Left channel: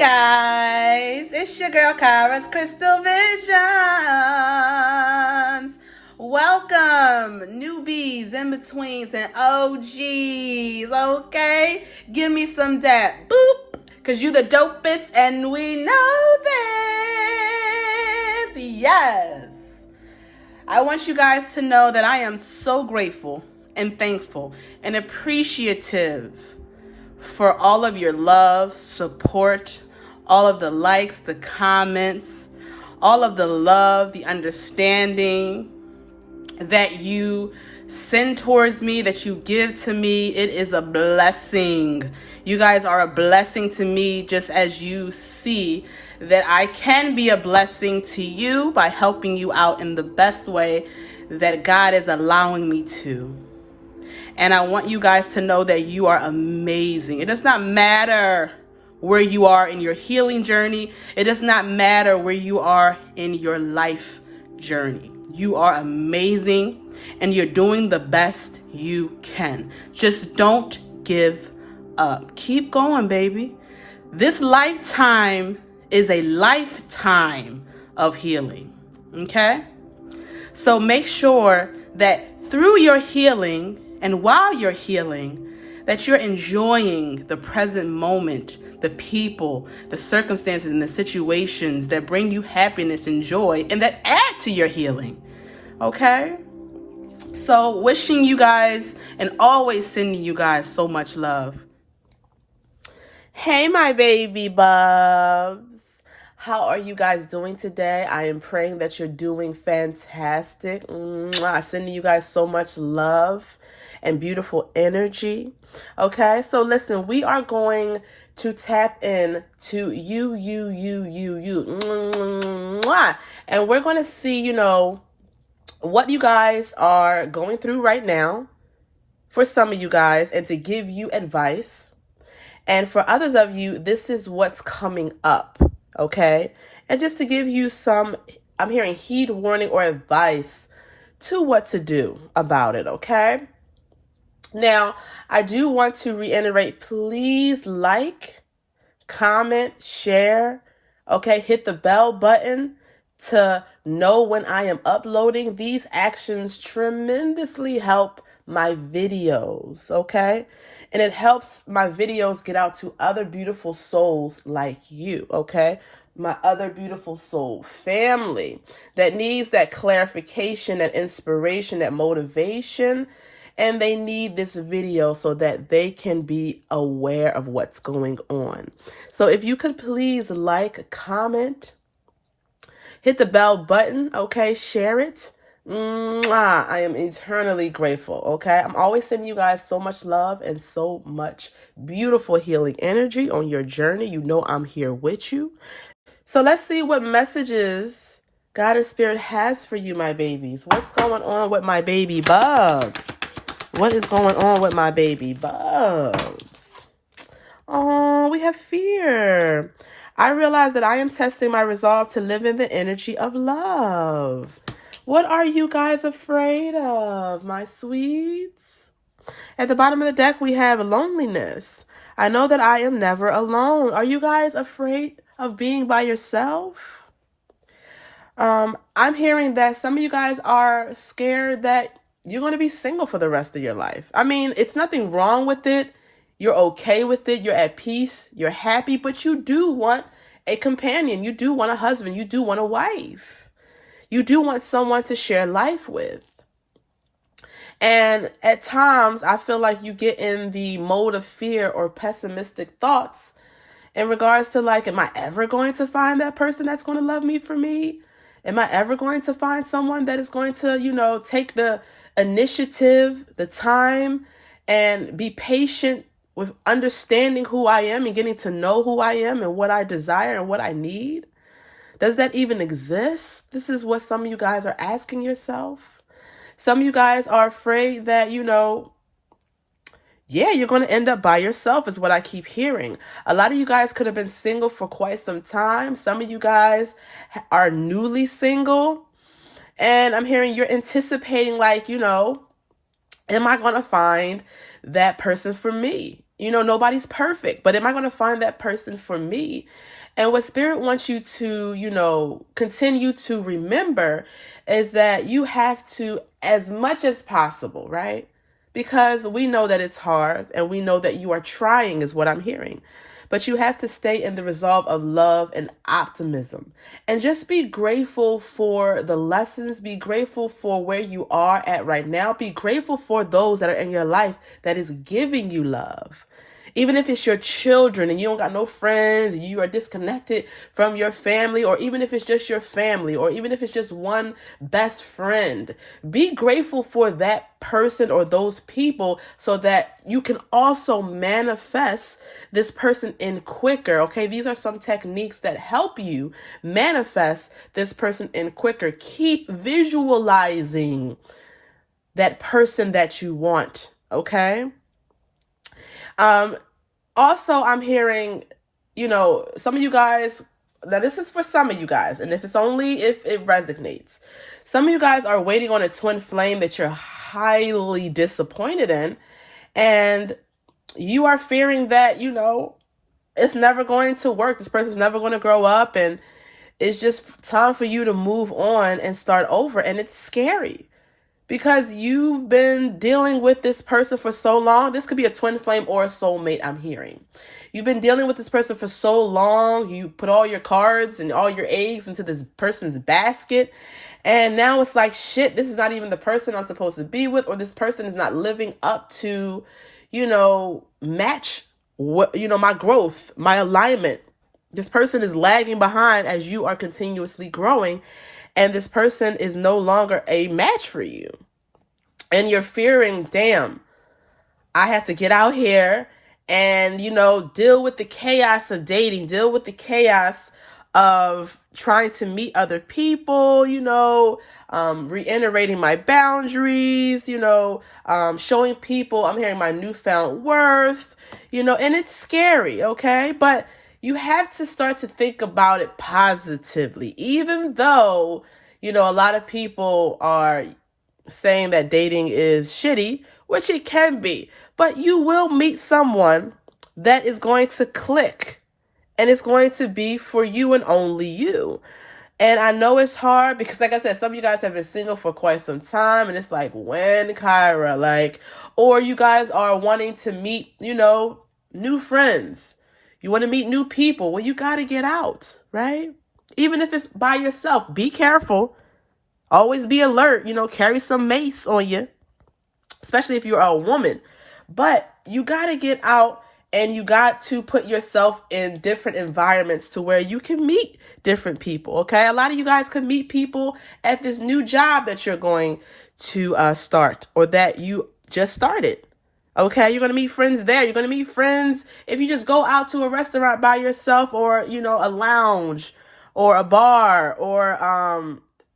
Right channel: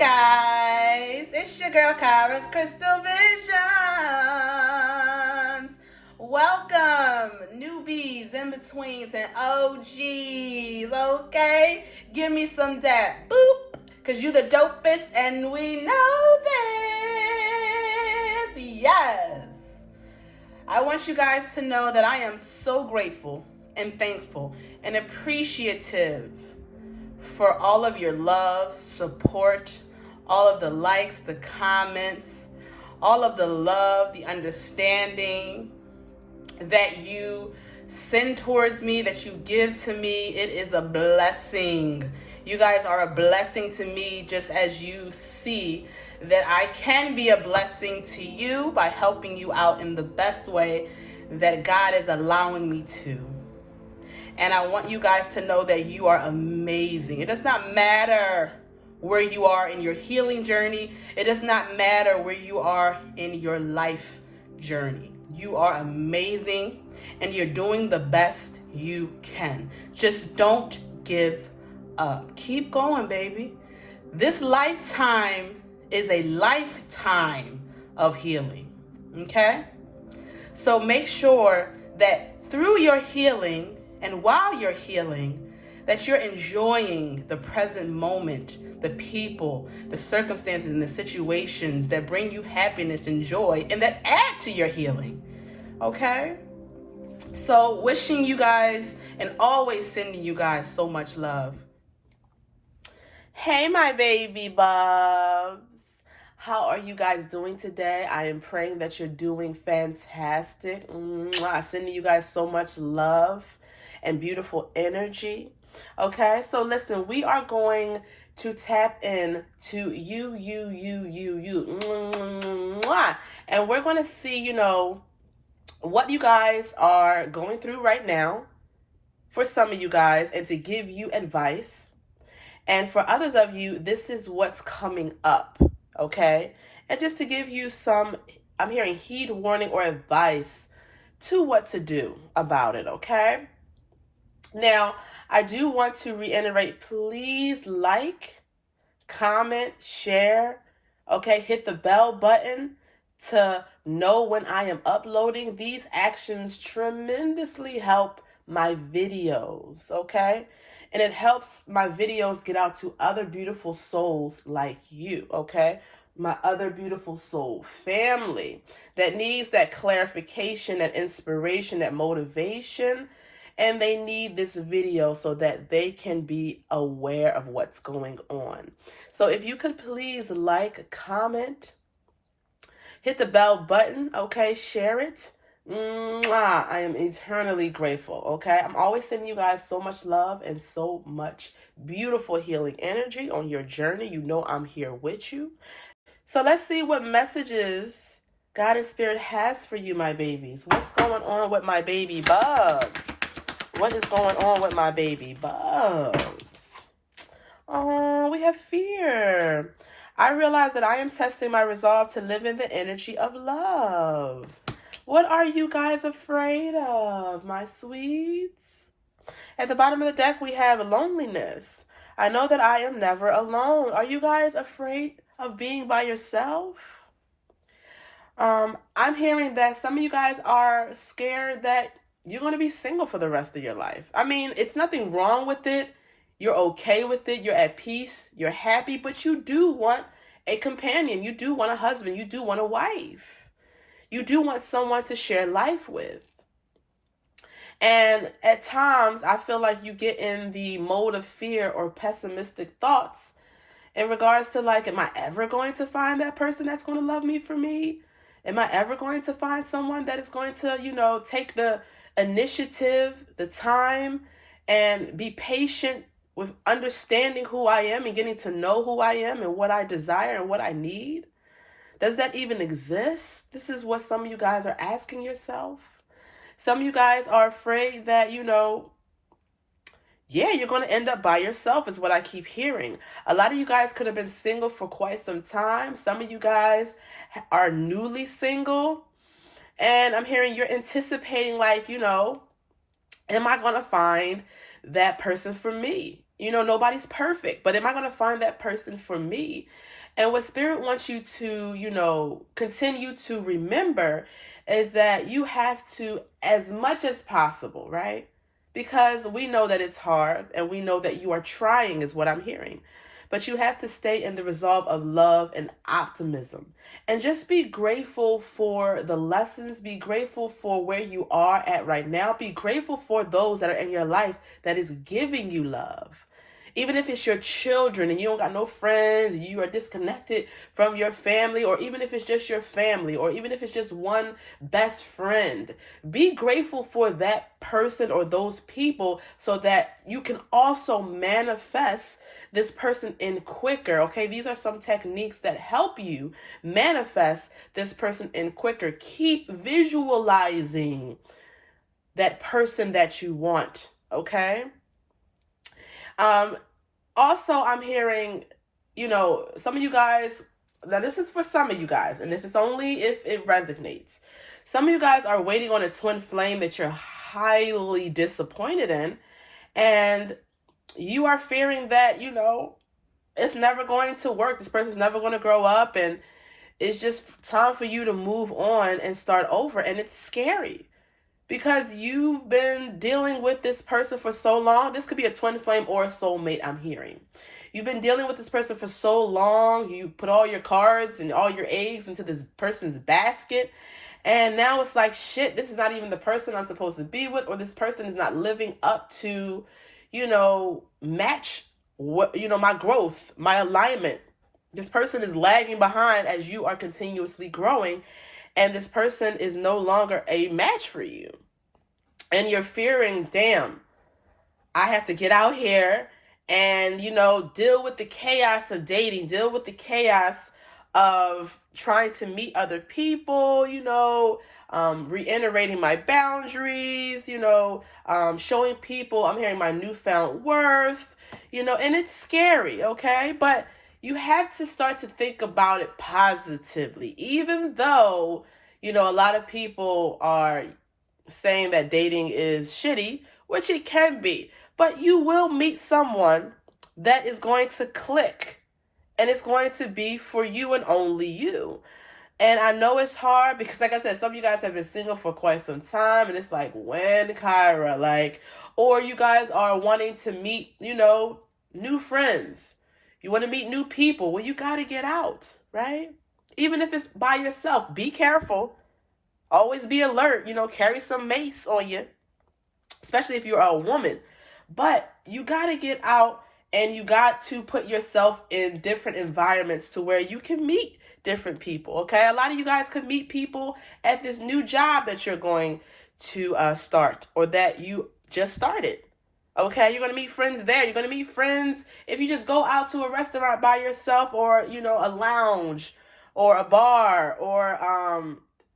guys, it's your girl Kara's Krystal Visions. Welcome, newbies, in-betweens, and OGs, okay? Give me some dap, boop, because you the dopest, and we know this, yes. I want you guys to know that I am so grateful and thankful and appreciative for all of your love, support, all of the likes, the comments, all of the love, the understanding that you send towards me, that you give to me. It is a blessing. You guys are a blessing to me, just as you see that I can be a blessing to you by helping you out in the best way that God is allowing me to. And I want you guys to know that you are amazing. It does not matter where you are in your healing journey. It does not matter where you are in your life journey. You are amazing and you're doing the best you can. Just don't give up. Keep going, baby. This lifetime is a lifetime of healing, okay? So make sure that through your healing and while you're healing, that you're enjoying the present moment, the people, the circumstances, and the situations that bring you happiness and joy and that add to your healing, okay? So wishing you guys and always sending you guys so much love. Hey, my baby bubs. How are you guys doing today? I am praying that you're doing fantastic. I'm sending you guys so much love and beautiful energy. Okay, so listen, we are going to tap in to you. And we're going to see, what you guys are going through right now for some of you guys and to give you advice. And for others of you, this is what's coming up. Okay, and just to give you some, I'm hearing heed warning or advice to what to do about it, okay? Now, I do want to reiterate, please like, comment, share, okay? Hit the bell button to know when I am uploading. These actions tremendously help my videos, okay? And it helps my videos get out to other beautiful souls like you, okay? My other beautiful soul family that needs that clarification, that inspiration, that motivation, and they need this video so that they can be aware of what's going on. So if you could please like, comment, hit the bell button, okay? Share it. I am eternally grateful, okay? I'm always sending you guys so much love and so much beautiful healing energy on your journey. You know I'm here with you. So let's see what messages God and Spirit has for you, my babies. What's going on with my baby bugs? What is going on with my baby bugs? Oh, we have fear. I realize that I am testing my resolve to live in the energy of love. What are you guys afraid of, my sweets? At the bottom of the deck, we have loneliness. I know that I am never alone. Are you guys afraid of being by yourself? I'm hearing that some of you guys are scared that you're going to be single for the rest of your life. I mean, it's nothing wrong with it. You're okay with it. You're at peace. You're happy, but you do want a companion. You do want a husband. You do want a wife. You do want someone to share life with. And at times, I feel like you get in the mode of fear or pessimistic thoughts in regards to like, am I ever going to find that person that's going to love me for me? Am I ever going to find someone that is going to, take the initiative, the time, and be patient with understanding who I am and getting to know who I am and what I desire and what I need? Does that even exist? This is what some of you guys are asking yourself. Some of you guys are afraid that, you're going to end up by yourself is what I keep hearing. A lot of you guys could have been single for quite some time. Some of you guys are newly single. And I'm hearing you're anticipating like, am I going to find that person for me? nobody's perfect, but am I going to find that person for me? And what Spirit wants you to, continue to remember is that you have to, as much as possible, right? Because we know that it's hard and we know that you are trying, is what I'm hearing. But you have to stay in the resolve of love and optimism. And just be grateful for the lessons. Be grateful for where you are at right now. Be grateful for those that are in your life that is giving you love. Even if it's your children and you don't got no friends, and you are disconnected from your family, or even if it's just your family, or even if it's just one best friend, be grateful for that person or those people so that you can also manifest this person in quicker. Okay, these are some techniques that help you manifest this person in quicker. Keep visualizing that person that you want. Okay. Also, I'm hearing, some of you guys, now this is for some of you guys, and if it's only if it resonates, some of you guys are waiting on a twin flame that you're highly disappointed in, and you are fearing that, it's never going to work. This person's never going to grow up, and it's just time for you to move on and start over, and it's scary. Because you've been dealing with this person for so long. This could be a twin flame or a soulmate, I'm hearing. You've been dealing with this person for so long. You put all your cards and all your eggs into this person's basket. And now it's like, shit, this is not even the person I'm supposed to be with. Or this person is not living up to, match what, my growth, my alignment. This person is lagging behind as you are continuously growing. And this person is no longer a match for you. And you're fearing, damn, I have to get out here and, deal with the chaos of dating, deal with the chaos of trying to meet other people, reiterating my boundaries, showing people I'm hearing my newfound worth, and it's scary, okay? But you have to start to think about it positively, even though, a lot of people are saying that dating is shitty, which it can be, but you will meet someone that is going to click, and it's going to be for you and only you. And I know it's hard because, like I said, some of you guys have been single for quite some time, and it's like, when, Kyra? Or you guys are wanting to meet, new friends. You want to meet new people. Well, you got to get out, right? Even if it's by yourself, be careful. Always be alert, carry some mace on you, especially if you're a woman. But you got to get out, and you got to put yourself in different environments to where you can meet different people, okay? A lot of you guys can meet people at this new job that you're going to start, or that you just started. Okay, you're going to meet friends there. You're going to meet friends if you just go out to a restaurant by yourself, or, a lounge or a bar, or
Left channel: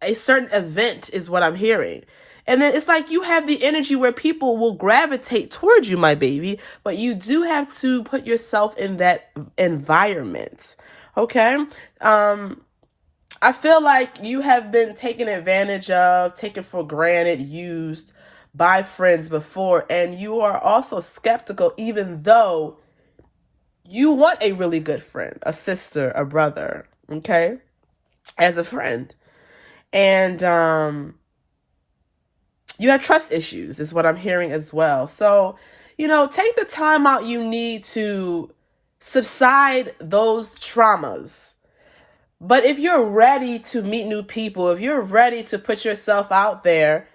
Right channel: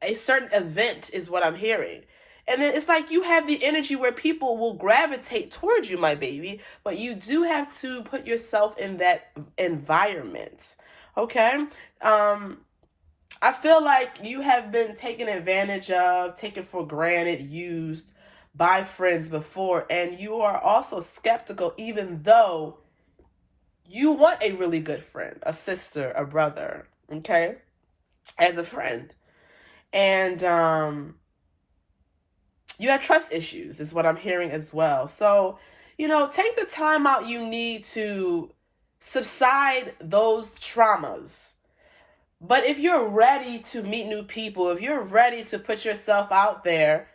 a certain event is what I'm hearing. And then it's like you have the energy where people will gravitate towards you, my baby, but you do have to put yourself in that environment. Okay? I feel like you have been taken advantage of, taken for granted, used by friends before, and you are also skeptical, even though you want a really good friend, a sister, a brother, okay, as a friend. And you have trust issues is what I'm hearing as well. So, take the time out you need to subside those traumas. But if you're ready to meet new people, if you're ready to put yourself out there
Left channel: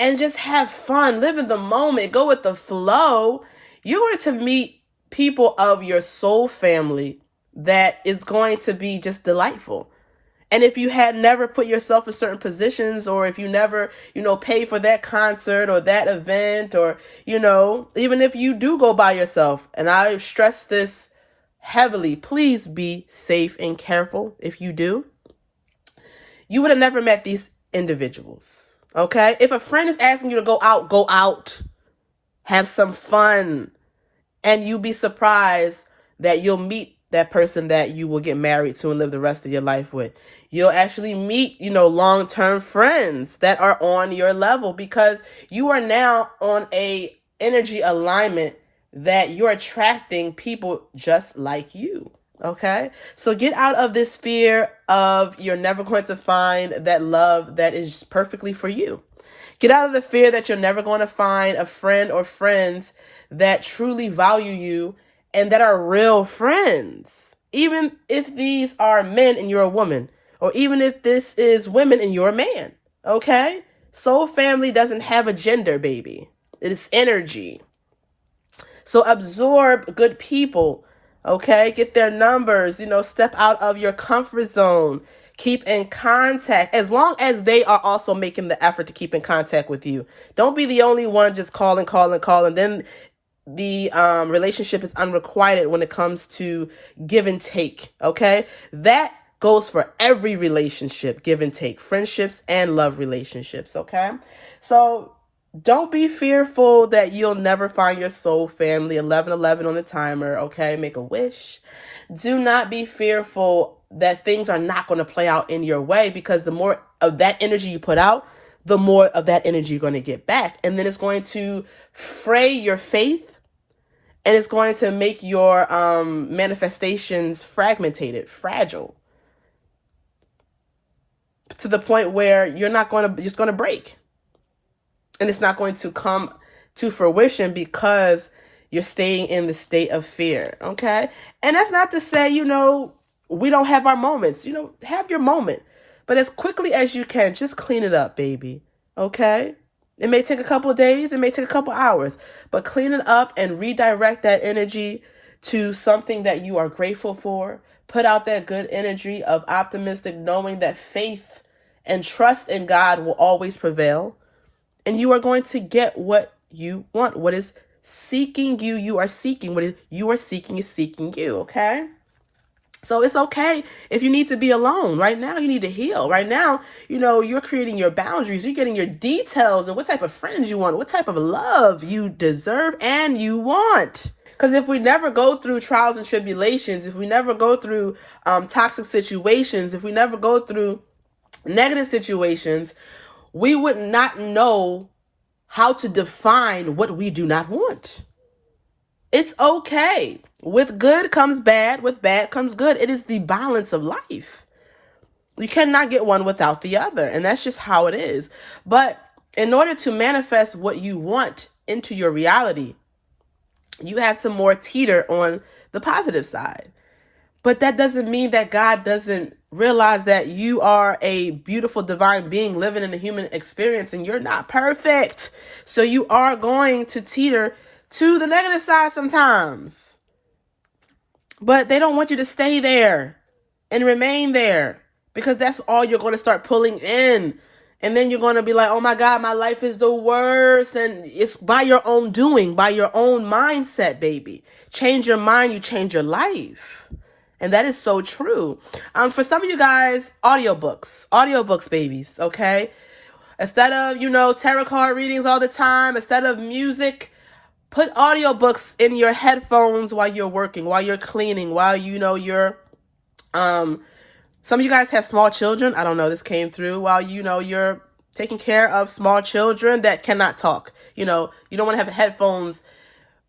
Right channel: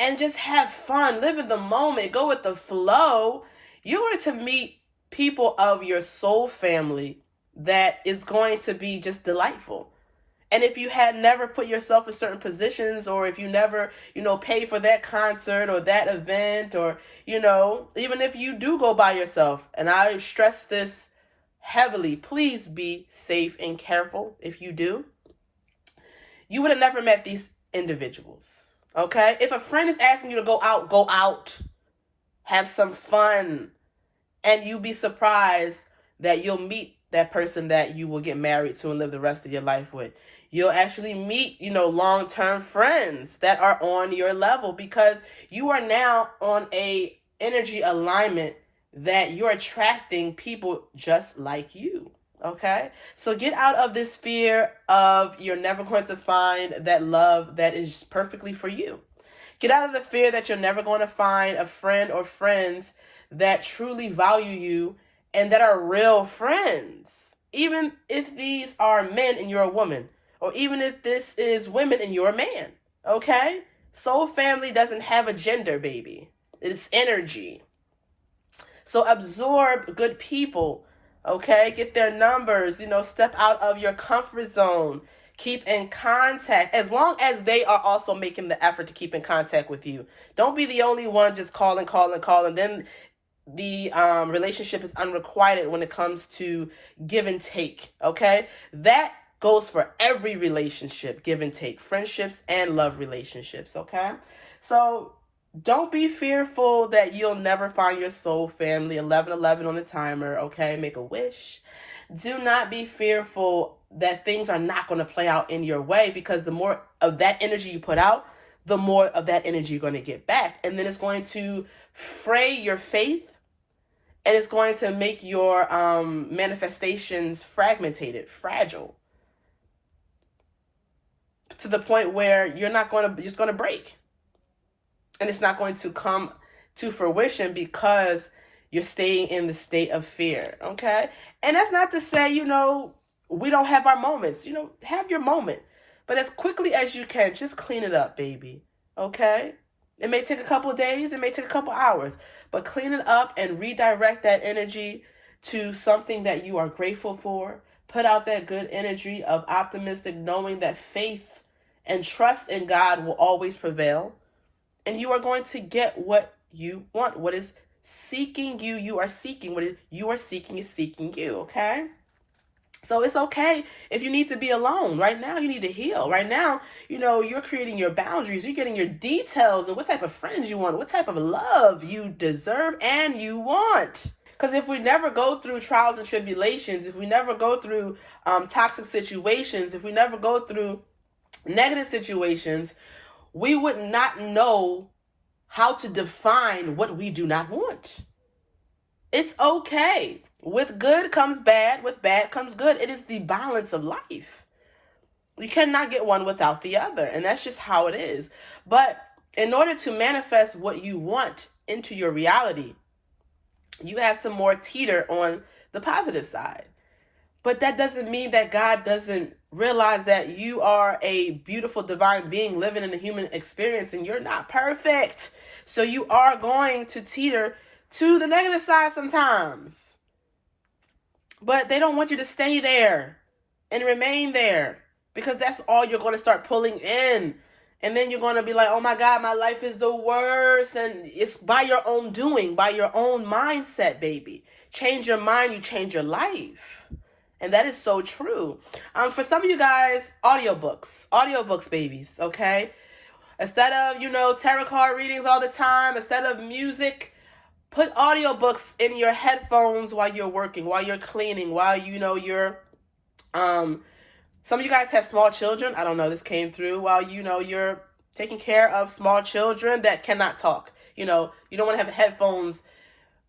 and just have fun, live in the moment, go with the flow, you're going to meet people of your soul family that is going to be just delightful. And if you had never put yourself in certain positions, or if you never, paid for that concert or that event, or, even if you do go by yourself, and I stress this heavily, please be safe and careful if you do, you would have never met these individuals. Okay? If a friend is asking you to go out, go out. Have some fun. And you'll be surprised that you'll meet that person that you will get married to and live the rest of your life with. You'll actually meet, long-term friends that are on your level, because you are now on a energy alignment that you're attracting people just like you. Okay? So get out of this fear of you're never going to find that love that is perfectly for you. Get out of the fear that you're never going to find a friend or friends that truly value you and that are real friends. Even if these are men and you're a woman, or even if this is women and you're a man. Okay? Soul family doesn't have a gender, baby. It's energy. So absorb good people, okay? Get their numbers, step out of your comfort zone. Keep in contact as long as they are also making the effort to keep in contact with you. Don't be the only one just calling. Then the relationship is unrequited when it comes to give and take, okay? That goes for every relationship, give and take, friendships and love relationships, okay? So don't be fearful that you'll never find your soul family. 1111 on the timer, okay? Make a wish. Do not be fearful that things are not going to play out in your way, because the more of that energy you put out, the more of that energy you're going to get back. And then it's going to fray your faith, and it's going to make your manifestations fragmented, fragile, to the point where you're just going to break. And it's not going to come to fruition because you're staying in the state of fear, okay? And that's not to say, we don't have our moments. Have your moment. But as quickly as you can, just clean it up, baby, okay? It may take a couple of days. It may take a couple of hours. But clean it up and redirect that energy to something that you are grateful for. Put out that good energy of optimistic, knowing that faith and trust in God will always prevail. And you are going to get what you want. What is seeking you, you are seeking. What is you are seeking is seeking you, okay? So it's okay if you need to be alone. Right now, you need to heal. Right now, you're creating your boundaries. You're getting your details of what type of friends you want, what type of love you deserve and you want. Because if we never go through trials and tribulations, if we never go through toxic situations, if we never go through negative situations, we would not know how to define what we do not want. It's okay. With good comes bad. With bad comes good. It is the balance of life. You cannot get one without the other. And that's just how it is. But in order to manifest what you want into your reality, you have to more teeter on the positive side. But that doesn't mean that God doesn't realize that you are a beautiful divine being living in a human experience and you're not perfect. So you are going to teeter to the negative side sometimes. But they don't want you to stay there and remain there, because that's all you're going to start pulling in. And then you're going to be like, oh my God, my life is the worst. And it's by your own doing, by your own mindset, baby. Change your mind, you change your life. And that is so true. For some of you guys, audiobooks, babies, okay? Instead of, tarot card readings all the time, instead of music, put audiobooks in your headphones while you're working, while you're cleaning, while, you're, some of you guys have small children. I don't know, this came through while, you're taking care of small children that cannot talk. You don't want to have headphones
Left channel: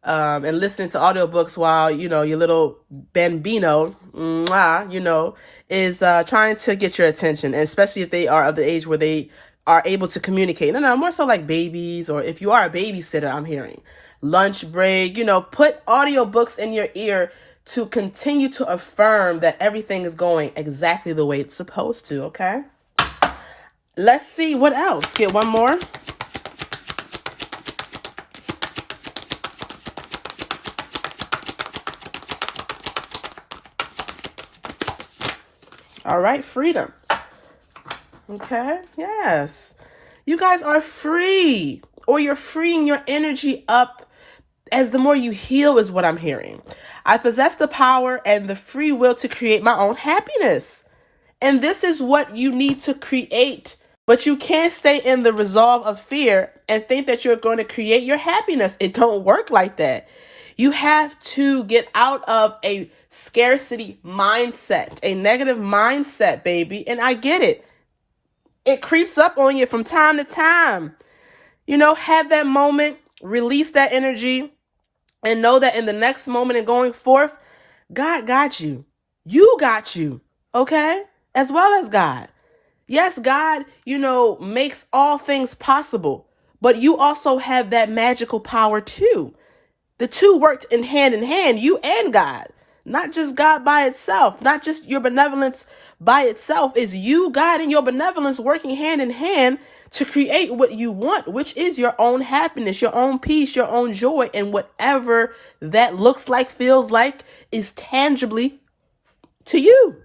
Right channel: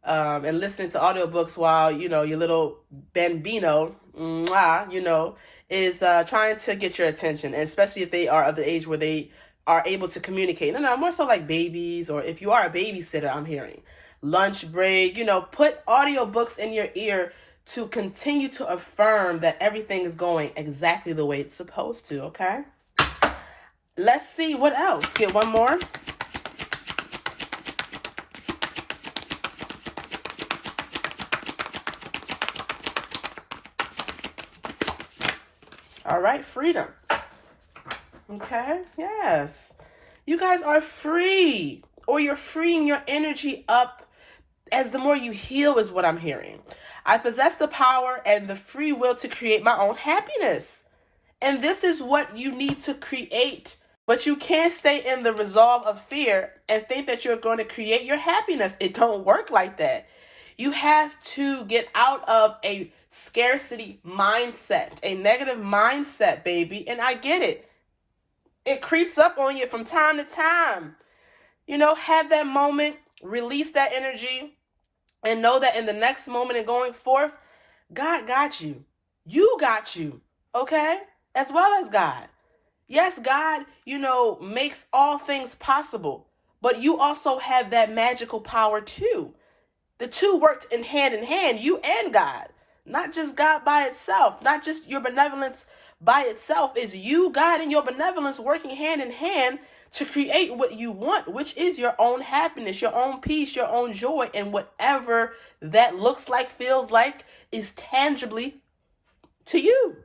and listening to audiobooks while, your little bambino, is trying to get your attention, and especially if they are of the age where they are able to communicate. No, more so like babies, or if you are a babysitter, I'm hearing. Lunch break, put audiobooks in your ear to continue to affirm that everything is going exactly the way it's supposed to, okay? Let's see what else. Get one more. All right, freedom. Okay, yes. You guys are free, or you're freeing your energy up as the more you heal is what I'm hearing. I possess the power and the free will to create my own happiness. And this is what you need to create. But you can't stay in the resolve of fear and think that you're going to create your happiness. It don't work like that. You have to get out of a scarcity mindset, a negative mindset, baby. And I get it. It creeps up on you from time to time. Have that moment, release that energy, And know that in the next moment and going forth, God got you. You got you. Okay? As well as God. Yes, God, makes all things possible. But you also have that magical power too. The two worked in hand, you and God. Not just God by itself, not just your benevolence by itself. Is you, God, and your benevolence working hand in hand to create what you want, which is your own happiness, your own peace, your own joy, and whatever that looks like, feels like, is tangibly to you.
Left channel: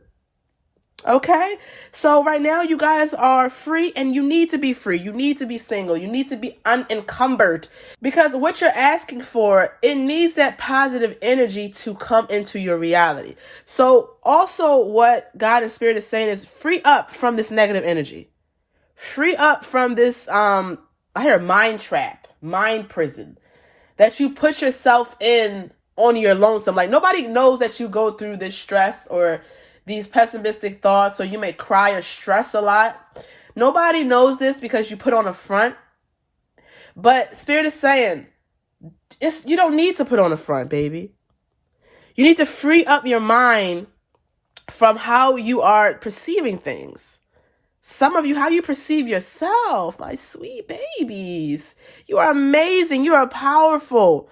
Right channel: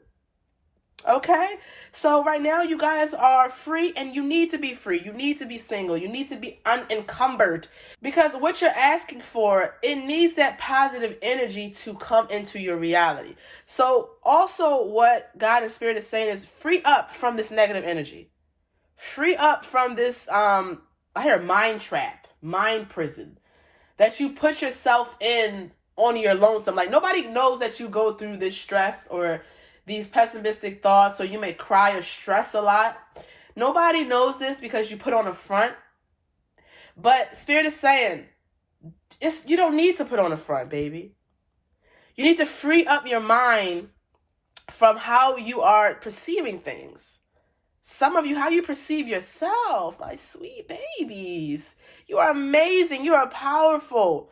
Okay? So right now you guys are free, and you need to be free. You need to be single. You need to be unencumbered, because what you're asking for, it needs that positive energy to come into your reality. So also what God and Spirit is saying is free up from this negative energy. Free up from this, I hear mind trap, mind prison that you put yourself in on your lonesome. Like, nobody knows that you go through this stress or these pessimistic thoughts, or you may cry or stress a lot. Nobody knows this because you put on a front. But Spirit is saying, you don't need to put on a front, baby. You need to free up your mind from how you are perceiving things. Some of you, how you perceive yourself, my sweet babies. You are amazing. You are powerful.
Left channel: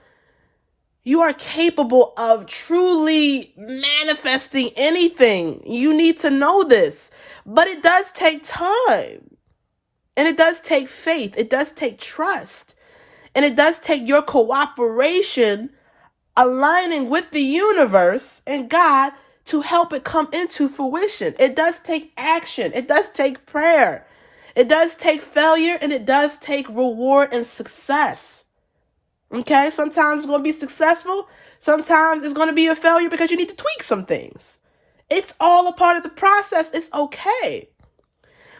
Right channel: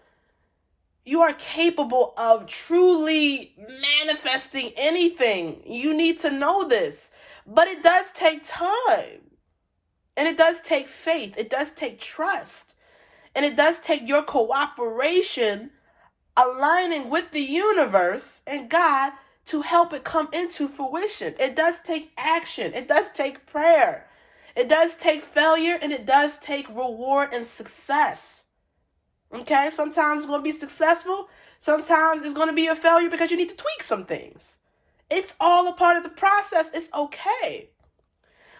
You are capable of truly manifesting anything. You need to know this. But it does take time. And it does take faith. It does take trust. And it does take your cooperation, aligning with the universe and God to help it come into fruition. It does take action. It does take prayer. It does take failure, and it does take reward and success. Okay, sometimes it's going to be successful. Sometimes it's going to be a failure because you need to tweak some things. It's all a part of the process. It's okay.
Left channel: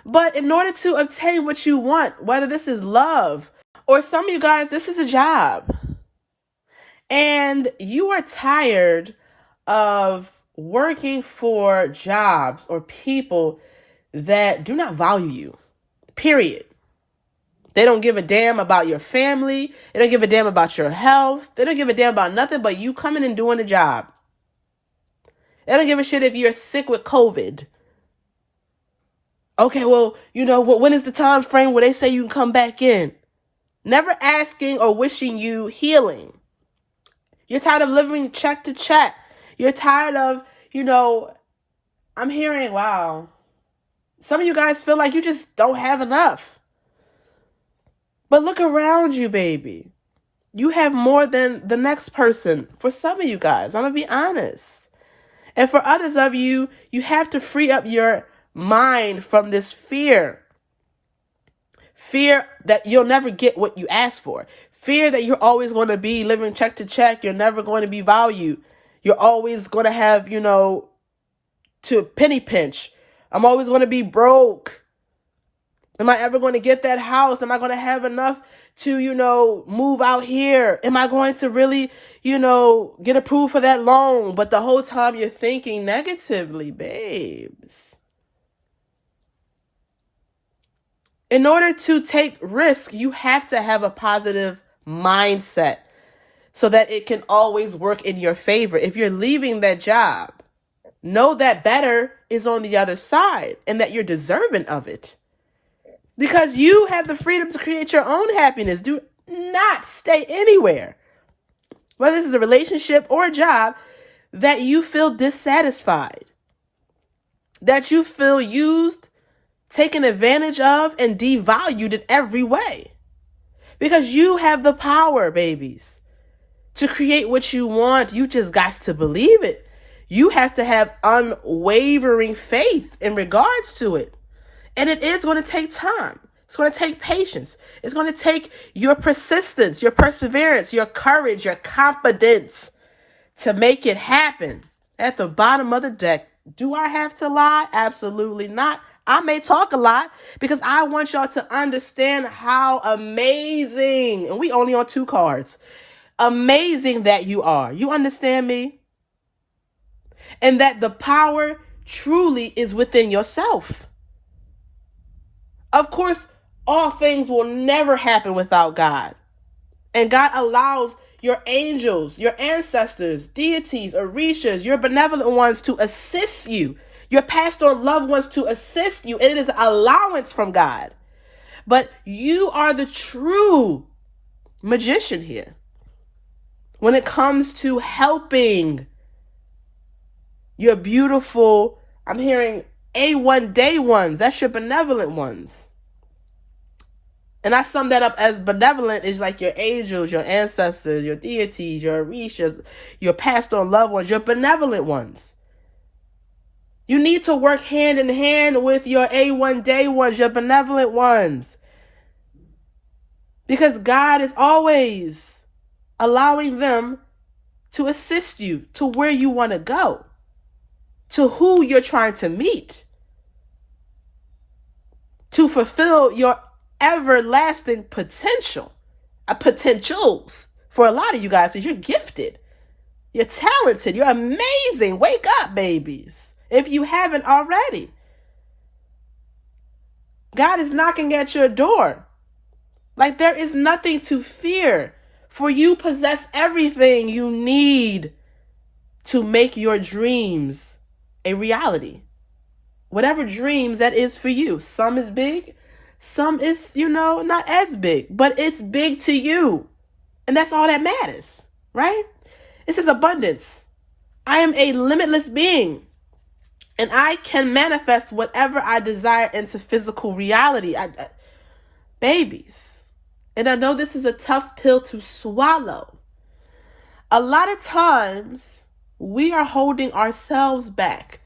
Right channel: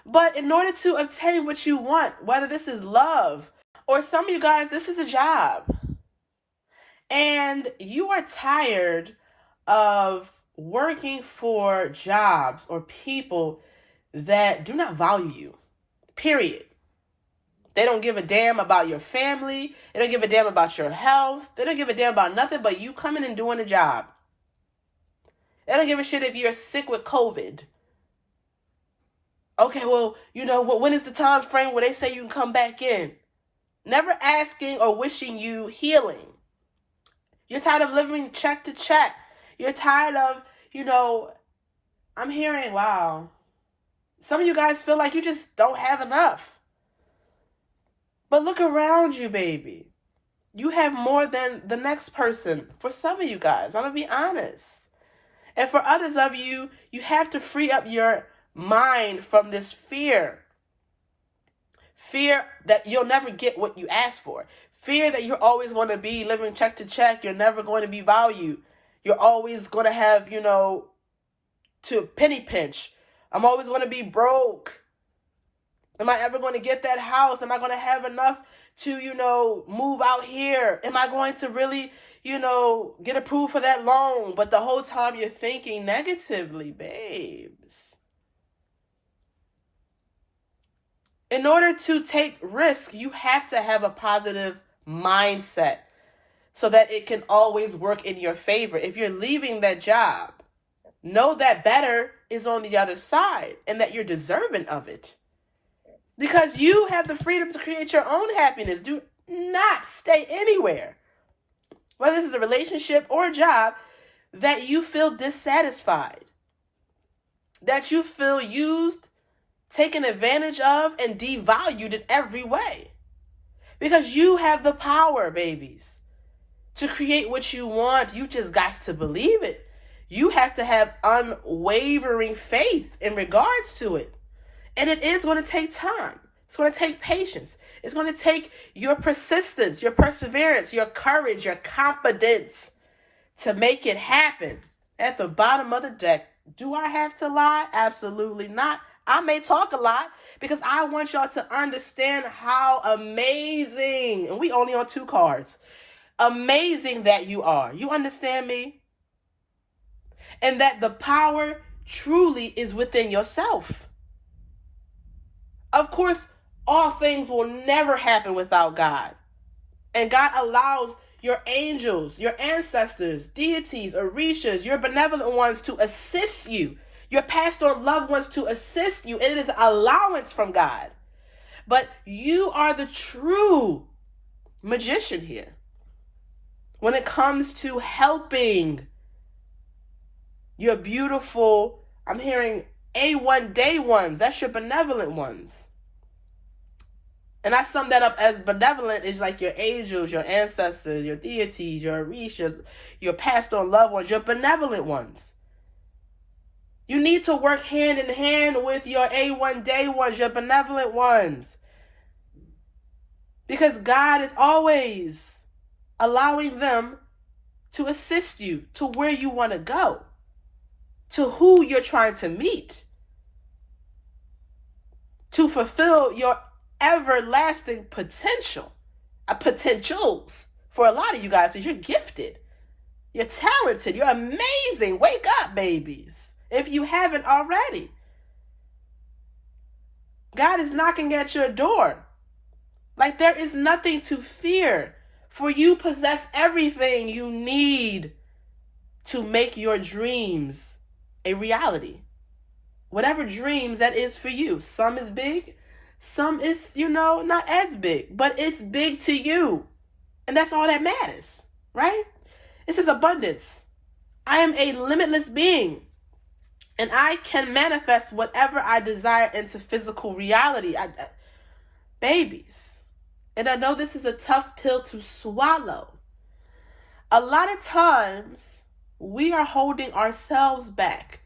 But in order to obtain what you want, whether this is love, or some of you guys, this is a job, and you are tired of working for jobs or people that do not value you, period. They don't give a damn about your family. They don't give a damn about your health. They don't give a damn about nothing but you coming and doing a job. They don't give a shit if you're sick with COVID. Okay, well, when is the time frame where they say you can come back in? Never asking or wishing you healing. You're tired of living check to check. You're tired of, I'm hearing, wow, some of you guys feel like you just don't have enough. But look around you, baby. You have more than the next person. For some of you guys, I'm going to be honest. And for others of you, you have to free up your mind from this fear. Fear that you'll never get what you ask for. Fear that you're always going to be living check to check. You're never going to be valued. You're always going to have, to penny pinch. I'm always going to be broke. Am I ever going to get that house? Am I going to have enough to, move out here? Am I going to really, get approved for that loan? But the whole time you're thinking negatively, babes. In order to take risk, you have to have a positive mindset so that it can always work in your favor. If you're leaving that job, know that better is on the other side and that you're deserving of it. Because you have the freedom to create your own happiness. Do not stay anywhere, whether this is a relationship or a job, that you feel dissatisfied, that you feel used, taken advantage of, and devalued in every way. Because you have the power, babies, to create what you want. You just got to believe it. You have to have unwavering faith in regards to it. And it is going to take time. It's going to take patience. It's going to take your persistence, your perseverance, your courage, your confidence to make it happen. At the bottom of the deck, do I have to lie? Absolutely not. I may talk a lot because I want y'all to understand how amazing, and we only on 2 cards, amazing that you are. You understand me? And that the power truly is within yourself. Of course, all things will never happen without God. And God allows, your angels, your ancestors, deities, orishas, your benevolent ones to assist you, your pastoral loved ones to assist you. It is an allowance from God. But you are the true magician here when it comes to helping your beautiful, I'm hearing A1 day ones. That's your benevolent ones. And I sum that up as benevolent is like your angels, your ancestors, your deities, your orishas, your pastoral loved ones, your benevolent ones. You need to work hand in hand with your A1 day ones, your benevolent ones. Because God is always allowing them to assist you to where you want to go, to who you're trying to meet, to fulfill your everlasting potentials for a lot of you guys. Because you're gifted, you're talented, you're amazing. Wake up, babies, if you haven't already. God is knocking at your door. Like, there is nothing to fear, for you possess everything you need to make your dreams a reality. Whatever dreams that is for you. Some is big, some is, not as big, but it's big to you. And that's all that matters, right? This is abundance. I am a limitless being, and I can manifest whatever I desire into physical reality. Babies. And I know this is a tough pill to swallow. A lot of times we are holding ourselves back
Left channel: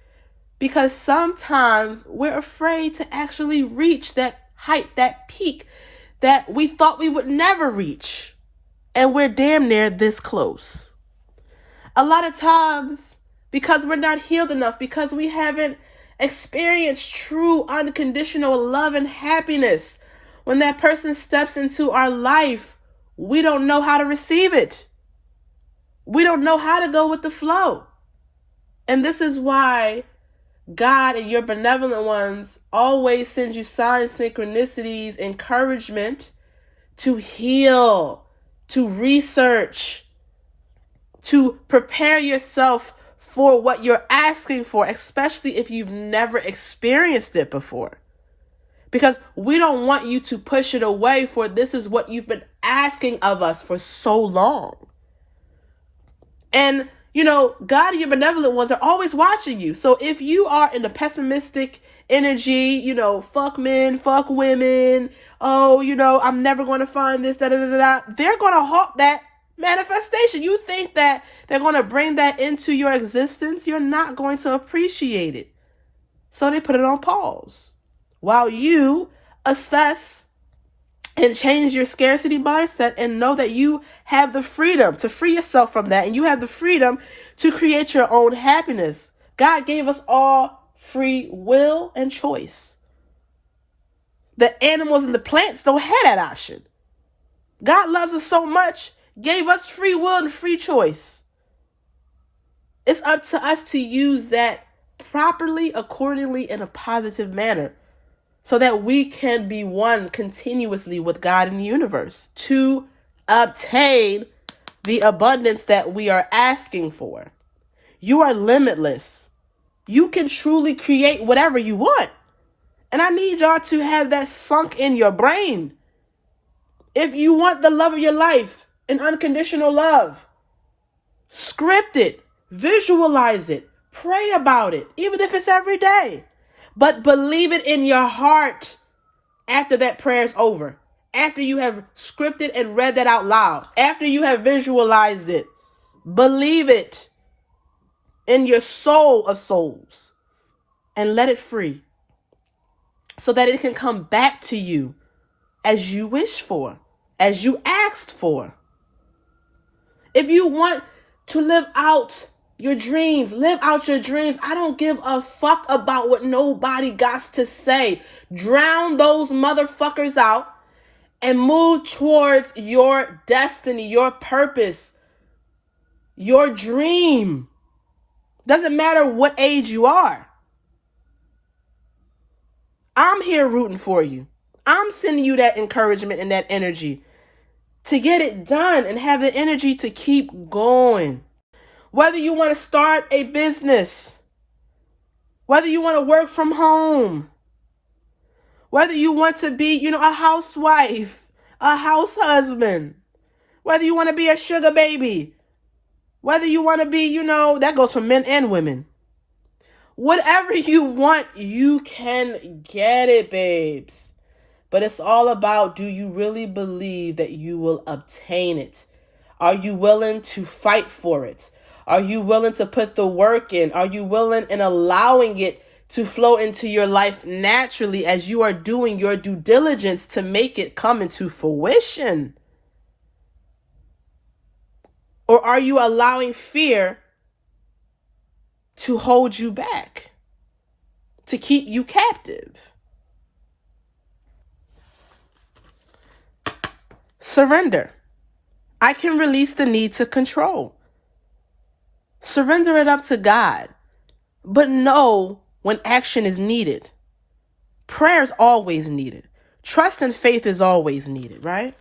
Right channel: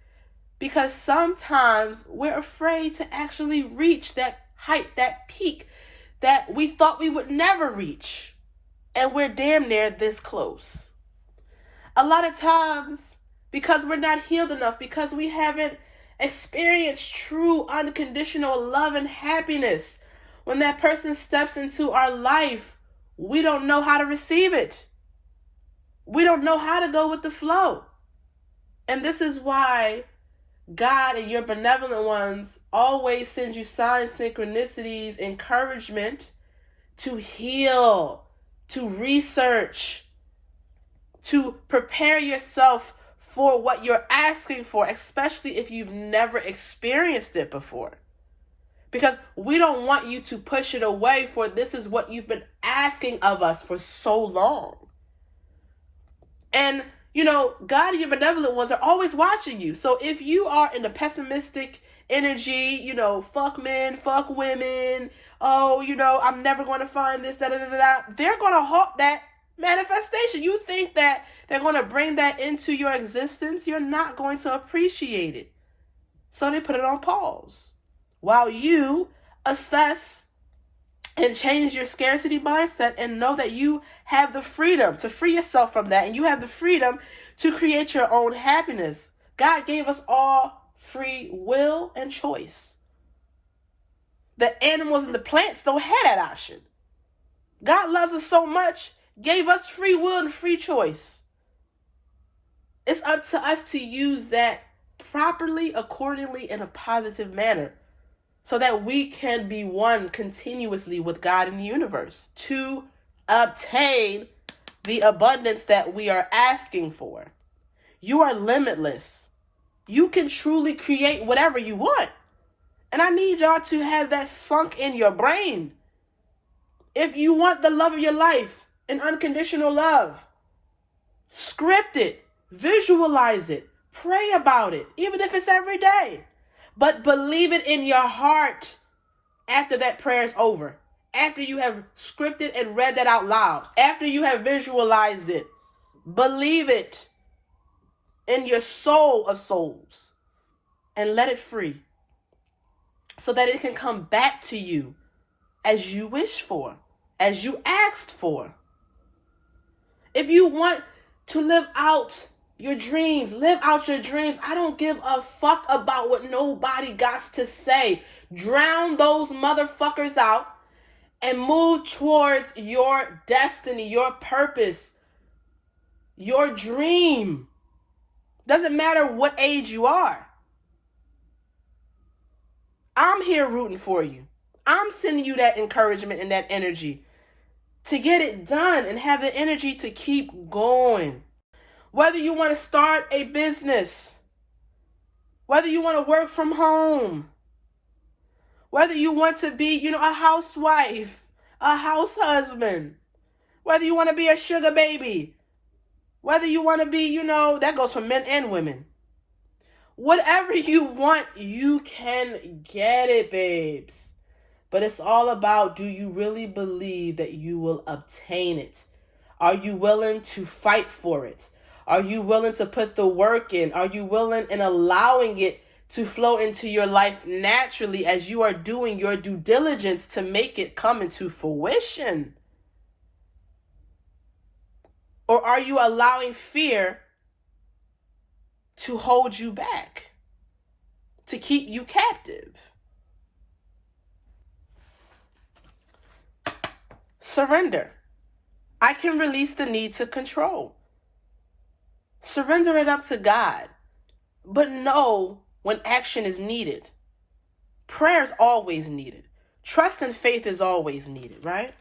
because sometimes we're afraid to actually reach that height, that peak that we thought we would never reach. And we're damn near this close. A lot of times, because we're not healed enough, because we haven't experienced true unconditional love and happiness, when that person steps into our life, we don't know how to receive it. We don't know how to go with the flow. And this is why God and your benevolent ones always send you signs, synchronicities, encouragement to heal, to research, to prepare yourself for what you're asking for, especially if you've never experienced it before. Because we don't want you to push it away, for this is what you've been asking of us for so long. And, God and your benevolent ones are always watching you. So if you are in a pessimistic energy, fuck men, fuck women, I'm never going to find this, they're going to halt that manifestation. You think that they're going to bring that into your existence, you're not going to appreciate it. So they put it on pause while you assess and change your scarcity mindset and know that you have the freedom to free yourself from that, and you have the freedom to create your own happiness. God gave us all free will and choice. The animals and the plants don't have that option. God loves us so much, gave us free will and free choice. It's up to us to use that properly, accordingly, in a positive manner, so that we can be one continuously with God in the universe to obtain the abundance that we are asking for. You are limitless. You can truly create whatever you want. And I need y'all to have that sunk in your brain. If you want the love of your life, an unconditional love, script it, visualize it, pray about it, even if it's every day. But believe it in your heart after that prayer is over. After you have scripted and read that out loud. After you have visualized it. Believe it in your soul of souls. And let it free. So that it can come back to you as you wish for. As you asked for. If you want to live out your dreams, live out your dreams. I don't give a fuck about what nobody got to say. Drown those motherfuckers out and move towards your destiny, your purpose, your dream. Doesn't matter what age you are. I'm here rooting for you. I'm sending you that encouragement and that energy to get it done and have the energy to keep going. Whether you want to start a business, whether you want to work from home, whether you want to be, a housewife, a house husband, whether you want to be a sugar baby, whether you want to be, that goes for men and women. Whatever you want, you can get it, babes. But it's all about, do you really believe that you will obtain it? Are you willing to fight for it? Are you willing to put the work in? Are you willing in allowing it to flow into your life naturally as you are doing your due diligence to make it come into fruition? Or are you allowing fear to hold you back, to keep you captive? Surrender. I can release the need to control. Surrender it up to God, but know when action is needed. Prayer is always needed. Trust and faith is always needed, right?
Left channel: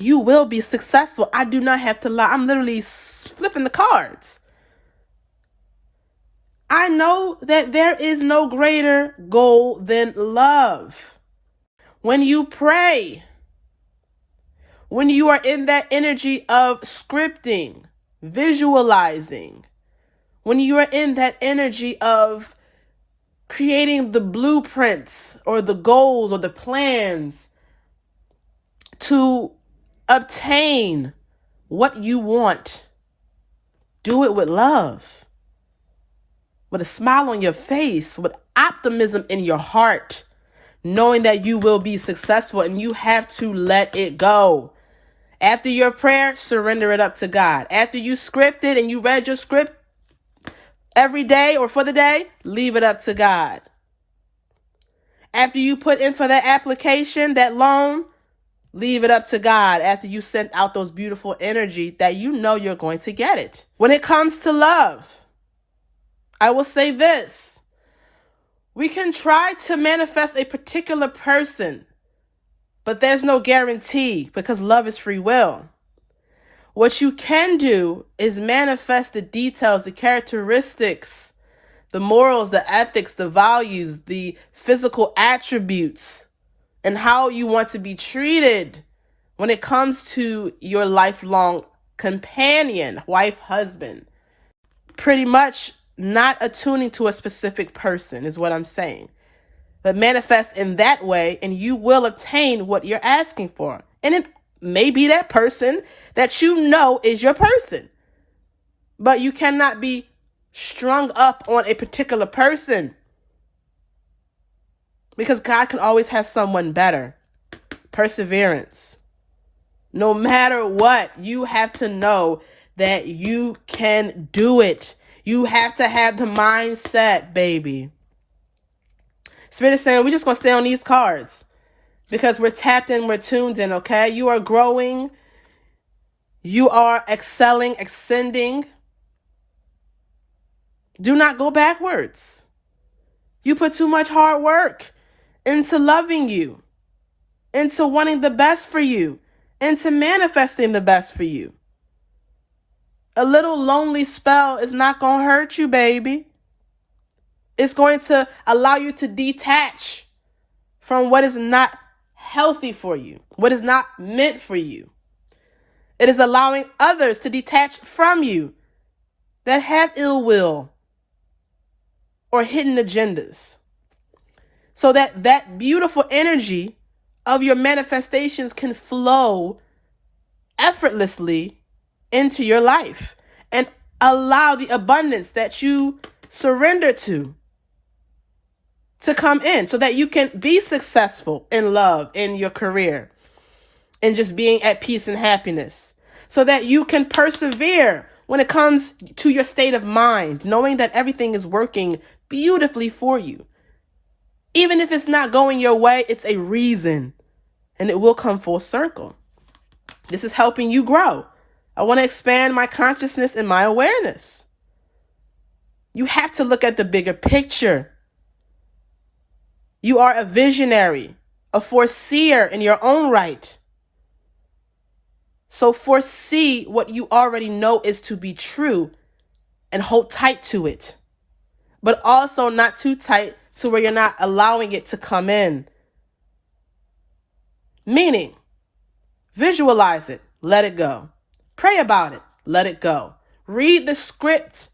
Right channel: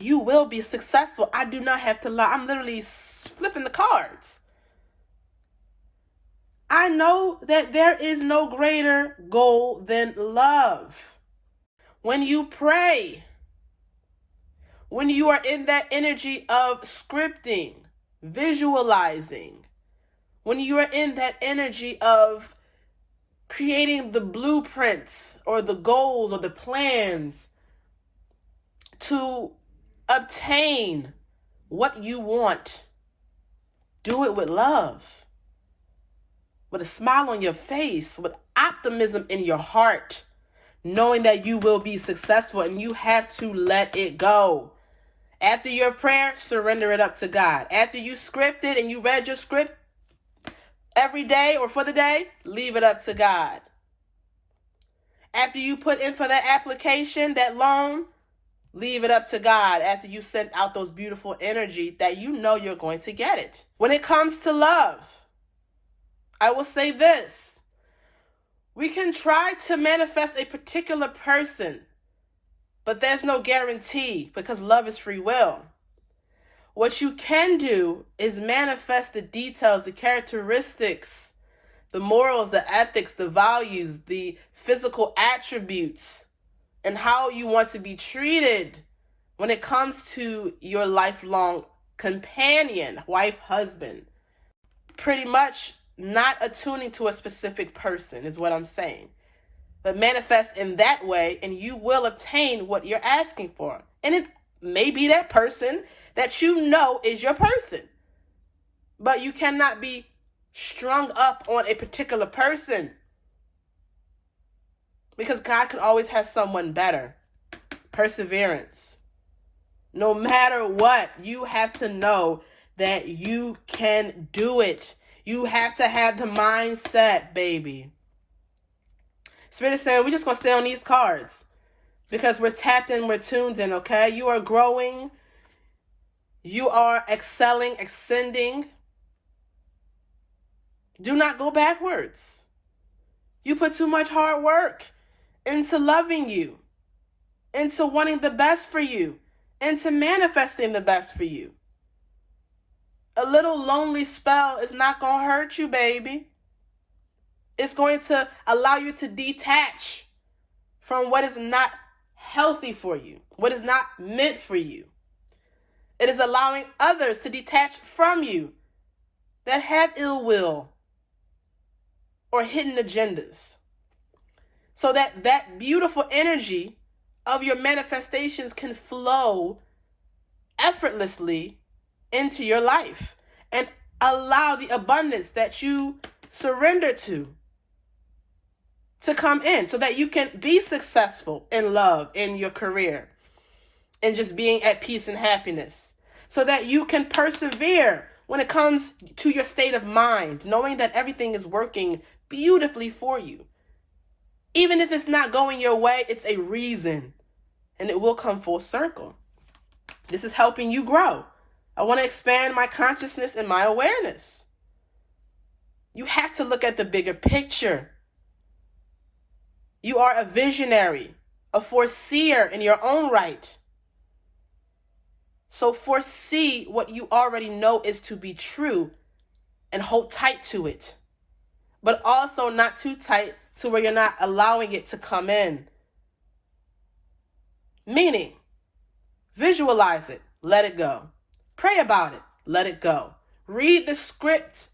You will be successful. I do not have to lie. I'm literally flipping the cards. I know that there is no greater goal than love. When you pray, when you are in that energy of scripting, visualizing, when you are in that energy of creating the blueprints or the goals or the plans to obtain what you want, do it with love, with a smile on your face, with optimism in your heart, knowing that you will be successful, and you have to let it go. After your prayer, surrender it up to God. After you scripted and you read your script every day or for the day, leave it up to God. After you put in for that application, that loan, leave it up to God. After you sent out those beautiful energy that you know you're going to get it. When it comes to love, I will say this. We can try to manifest a particular person, but there's no guarantee because love is free will. What you can do is manifest the details, the characteristics, the morals, the ethics, the values, the physical attributes, and how you want to be treated when it comes to your lifelong companion, wife, husband. Pretty much not attuning to a specific person is what I'm saying. But manifest in that way, and you will obtain what you're asking for. And it may be that person that you know is your person. But you cannot be strung up on a particular person, because God can always have someone better. Perseverance. No matter what, you have to know that you can do it. You have to have the mindset, baby. Spirit is saying, we're just going to stay on these cards because we're tapped in, we're tuned in, okay? You are growing. You are excelling, ascending. Do not go backwards. You put too much hard work into loving you, into wanting the best for you, into manifesting the best for you. A little lonely spell is not going to hurt you, baby. It's going to allow you to detach from what is not healthy for you, what is not meant for you. It is allowing others to detach from you that have ill will or hidden agendas, so that that beautiful energy of your manifestations can flow effortlessly into your life and allow the abundance that you surrender to come in, so that you can be successful in love, in your career, and just being at peace and happiness, so that you can persevere when it comes to your state of mind, knowing that everything is working beautifully for you. Even if it's not going your way, it's a reason, and it will come full circle. This is helping you grow. I want to expand my consciousness and my awareness. You have to look at the bigger picture. You are a visionary, a foreseer in your own right. So foresee what you already know is to be true and hold tight to it, but also not too tight to where you're not allowing it to come in. Meaning, visualize it, let it go. Pray about it, let it go. Read the script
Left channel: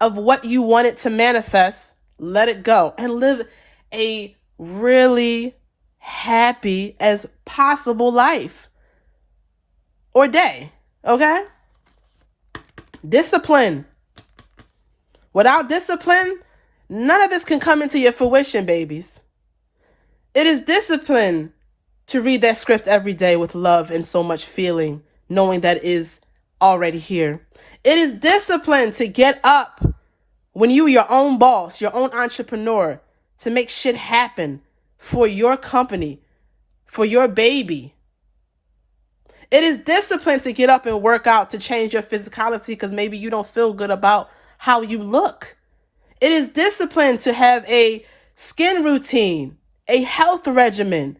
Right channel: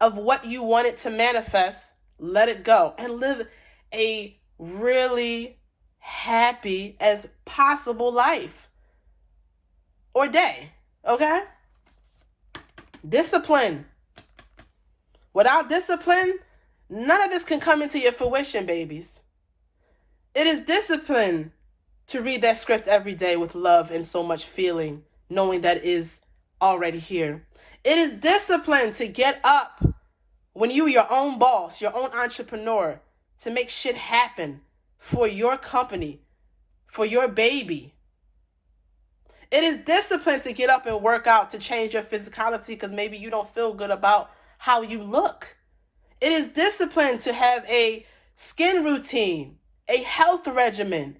of what you want it to manifest, let it go, and live a really happy as possible life or day, okay? Discipline. Without discipline, none of this can come into your fruition, babies. It is discipline to read that script every day with love and so much feeling, knowing that it is already here. It is discipline to get up when you are your own boss, your own entrepreneur, to make shit happen for your company, for your baby. It is discipline to get up and work out to change your physicality because maybe you don't feel good about how you look. It is discipline to have a skin routine, a health regimen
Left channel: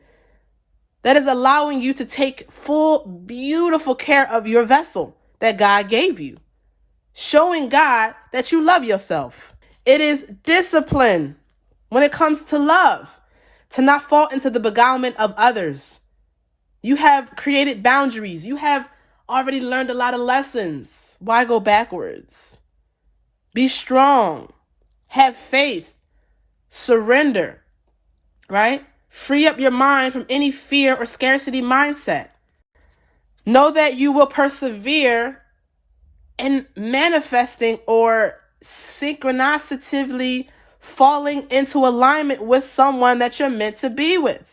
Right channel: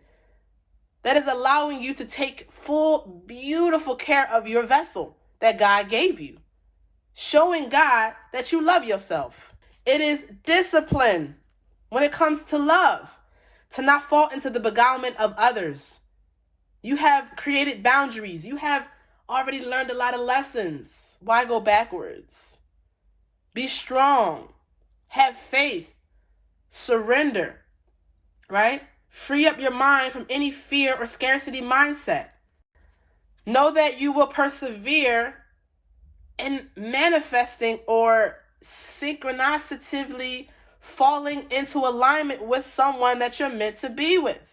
that is allowing you to take full, beautiful care of your vessel that God gave you, showing God that you love yourself. It is discipline when it comes to love, to not fall into the beguilement of others. You have created boundaries. You have already learned a lot of lessons. Why go backwards? Be strong. Have faith. Surrender. Right? Free up your mind from any fear or scarcity mindset. Know that you will persevere in manifesting or synchronistically falling into alignment with someone that you're meant to be with.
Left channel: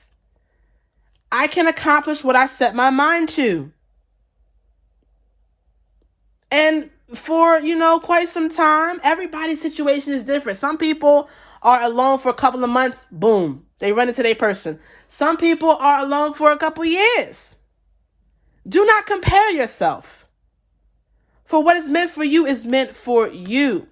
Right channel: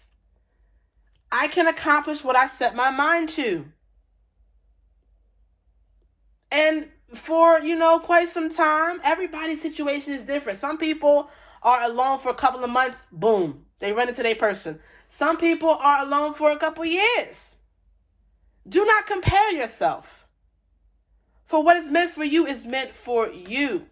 I can accomplish what I set my mind to. And for, quite some time, everybody's situation is different. Some people are alone for a couple of months, boom, they run into their person. Some people are alone for a couple years. Do not compare yourself. For what is meant for you is meant for you.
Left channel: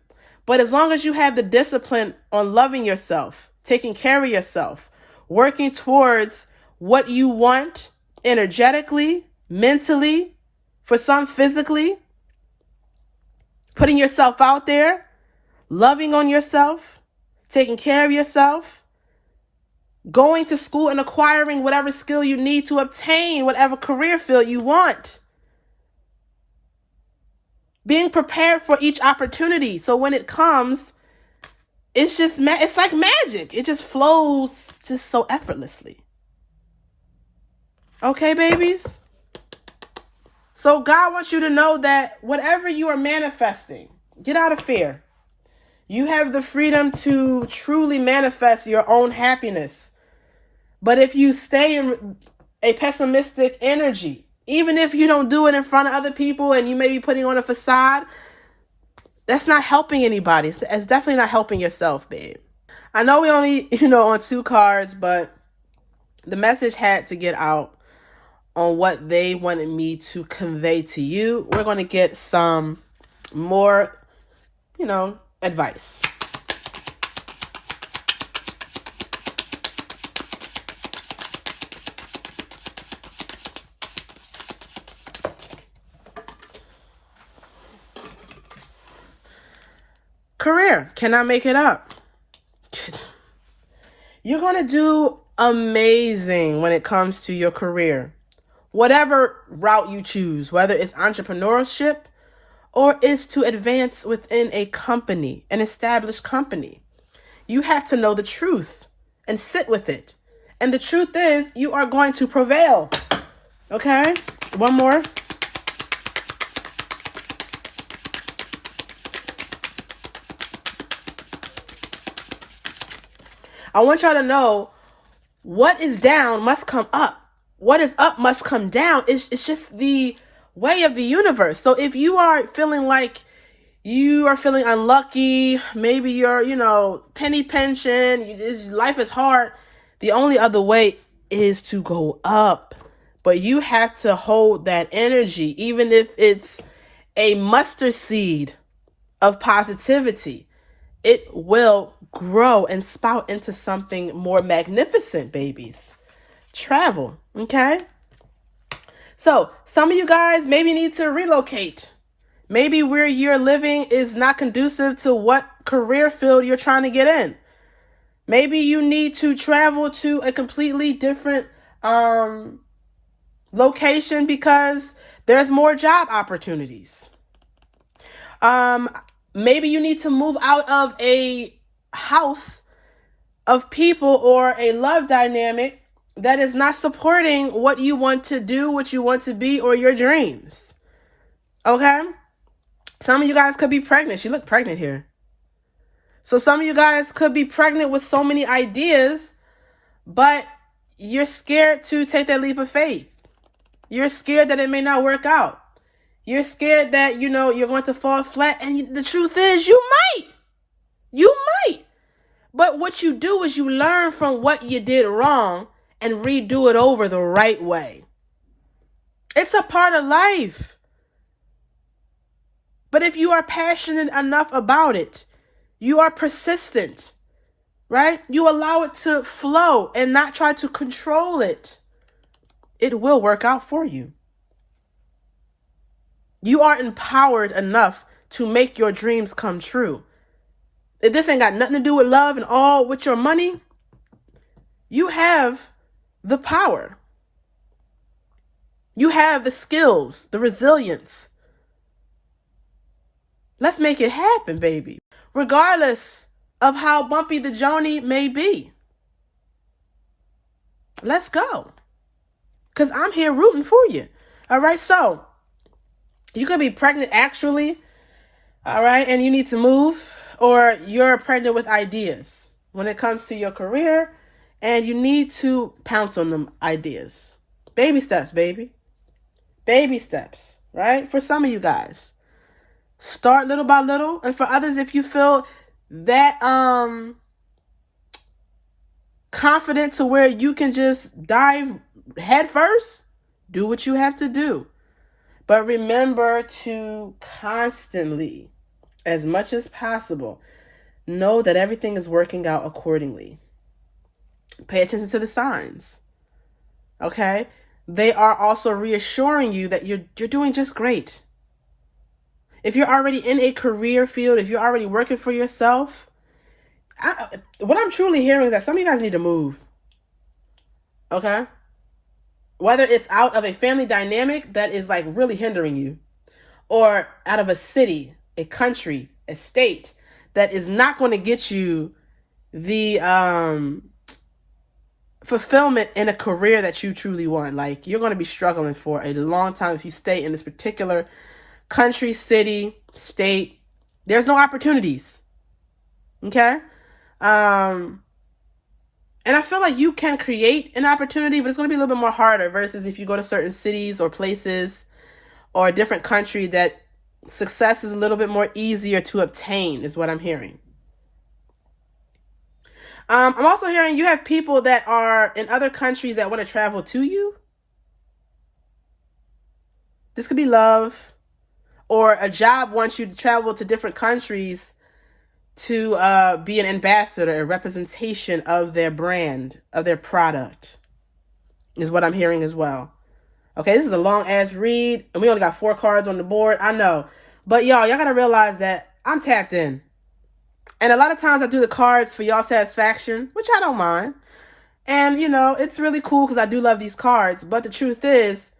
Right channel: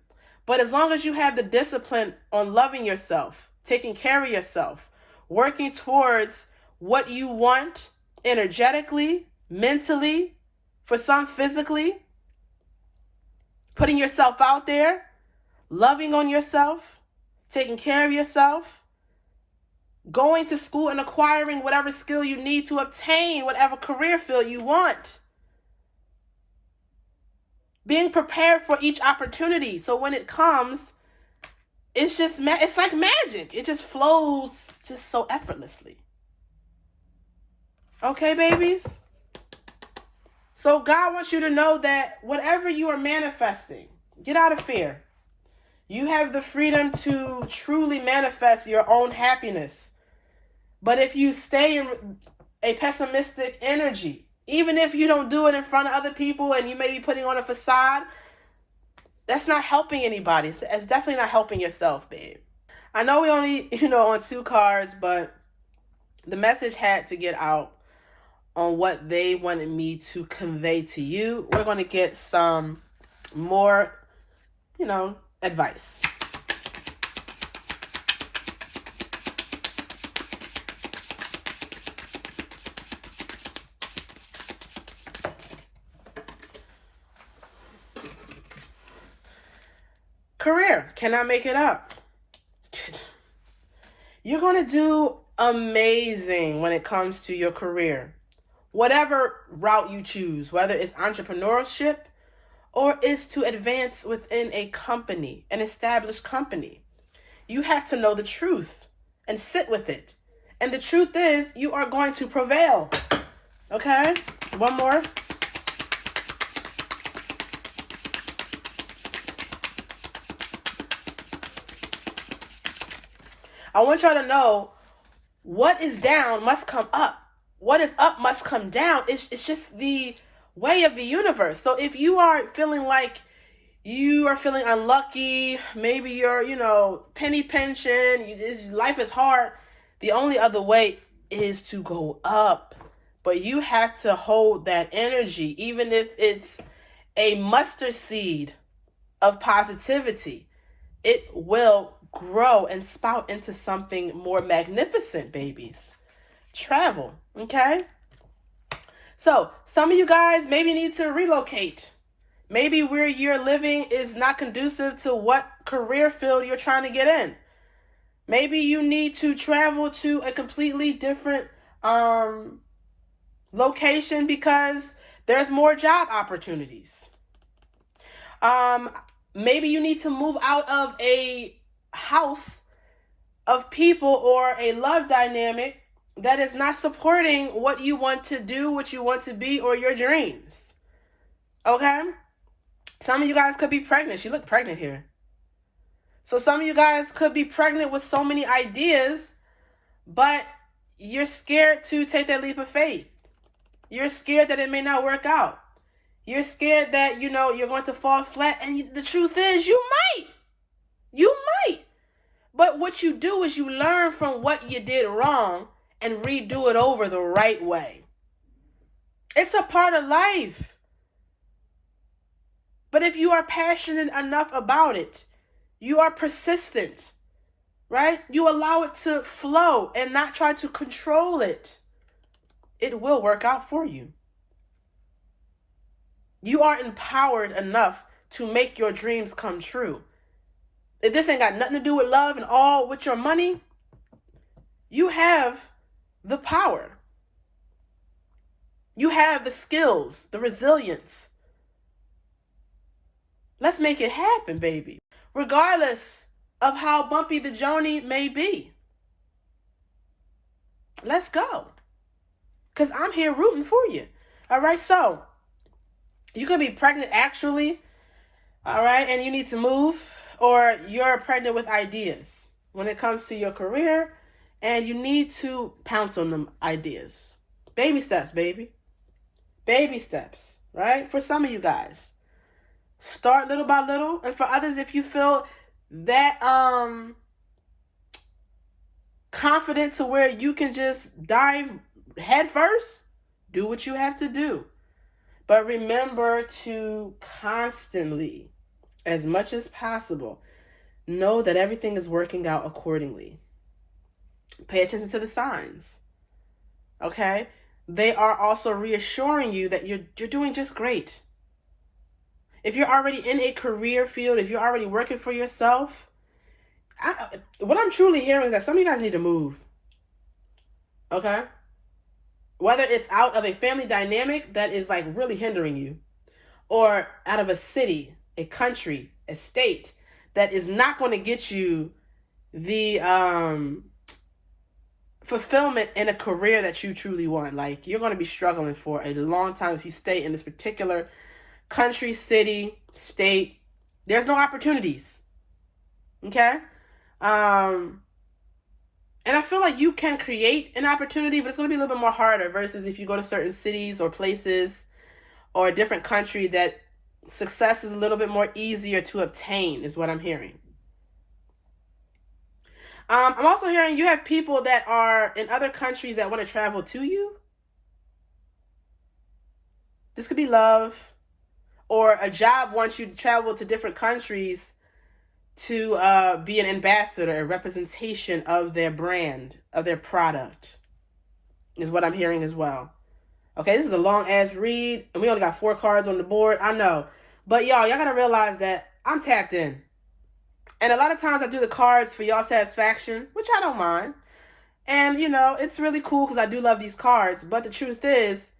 But as long as you have the discipline on loving yourself, taking care of yourself, working towards what you want energetically, mentally, for some physically, putting yourself out there, loving on yourself, taking care of yourself, going to school and acquiring whatever skill you need to obtain whatever career field you want. Being prepared for each opportunity. So when it comes, it's like magic. It just flows just so effortlessly. Okay, babies? So God wants you to know that whatever you are manifesting, get out of fear. You have the freedom to truly manifest your own happiness. But if you stay in a pessimistic energy, even if you don't do it in front of other people and you may be putting on a facade, that's not helping anybody. It's definitely not helping yourself, babe. I know we only, on 2 cards, but the message had to get out on what they wanted me to convey to you. We're going to get some more, advice. Career, cannot make it up. You're going to do amazing when it comes to your career. Whatever route you choose, whether it's entrepreneurship or is to advance within a company, an established company. You have to know the truth and sit with it. And the truth is, you are going to prevail. Okay? One more. I want y'all to know what is down must come up. What is up must come down. It's just the way of the universe. So if you are feeling like you are feeling unlucky, maybe you're, penny pension, life is hard, the only other way is to go up. But you have to hold that energy, even if it's a mustard seed of positivity. It will grow and spout into something more magnificent, babies. Travel, okay? So some of you guys maybe need to relocate. Maybe where you're living is not conducive to what career field you're trying to get in. Maybe you need to travel to a completely different location because there's more job opportunities. Maybe you need to move out of a house of people or a love dynamic that is not supporting what you want to do, what you want to be, or your dreams. Okay? Some of you guys could be pregnant. She looked pregnant here. So some of you guys could be pregnant with so many ideas, but you're scared to take that leap of faith. You're scared that it may not work out. You're scared that, you're going to fall flat. And the truth is, you might. You might. But what you do is you learn from what you did wrong and redo it over the right way. It's a part of life. But if you are passionate enough about it, you are persistent, right? You allow it to flow and not try to control it. It will work out for you. You are empowered enough to make your dreams come true. If this ain't got nothing to do with love and all with your money, you have the power. You have the skills, the resilience. Let's make it happen, baby. Regardless of how bumpy the journey may be. Let's go. Because I'm here rooting for you. All right, so you could be pregnant actually, all right, and you need to move, or you're pregnant with ideas when it comes to your career, and you need to pounce on them ideas. Baby steps, baby. Baby steps, right? For some of you guys. Start little by little. And for others, if you feel that confident to where you can just dive head first, do what you have to do. But remember to constantly, as much as possible, know that everything is working out accordingly. Pay attention to the signs. Okay? They are also reassuring you that you're doing just great. If you're already in a career field, if you're already working for yourself, what I'm truly hearing is that some of you guys need to move. Okay? Whether it's out of a family dynamic that is like really hindering you, or out of a city, a country, a state that is not going to get you the fulfillment in a career that you truly want. Like, you're going to be struggling for a long time if you stay in this particular country, city, state. There's no opportunities. Okay? And I feel like you can create an opportunity, but it's going to be a little bit more harder versus if you go to certain cities or places or a different country that success is a little bit more easier to obtain, is what I'm hearing. I'm also hearing you have people that are in other countries that want to travel to you. This could be love, or a job wants you to travel to different countries to be an ambassador, a representation of their brand, of their product, is what I'm hearing as well. Okay, this is a long ass read, and we only got 4 cards on the board. I know. But y'all gotta realize that I'm tapped in. And a lot of times I do the cards for y'all satisfaction, which I don't mind. And, it's really cool because I do love these cards. But the truth is,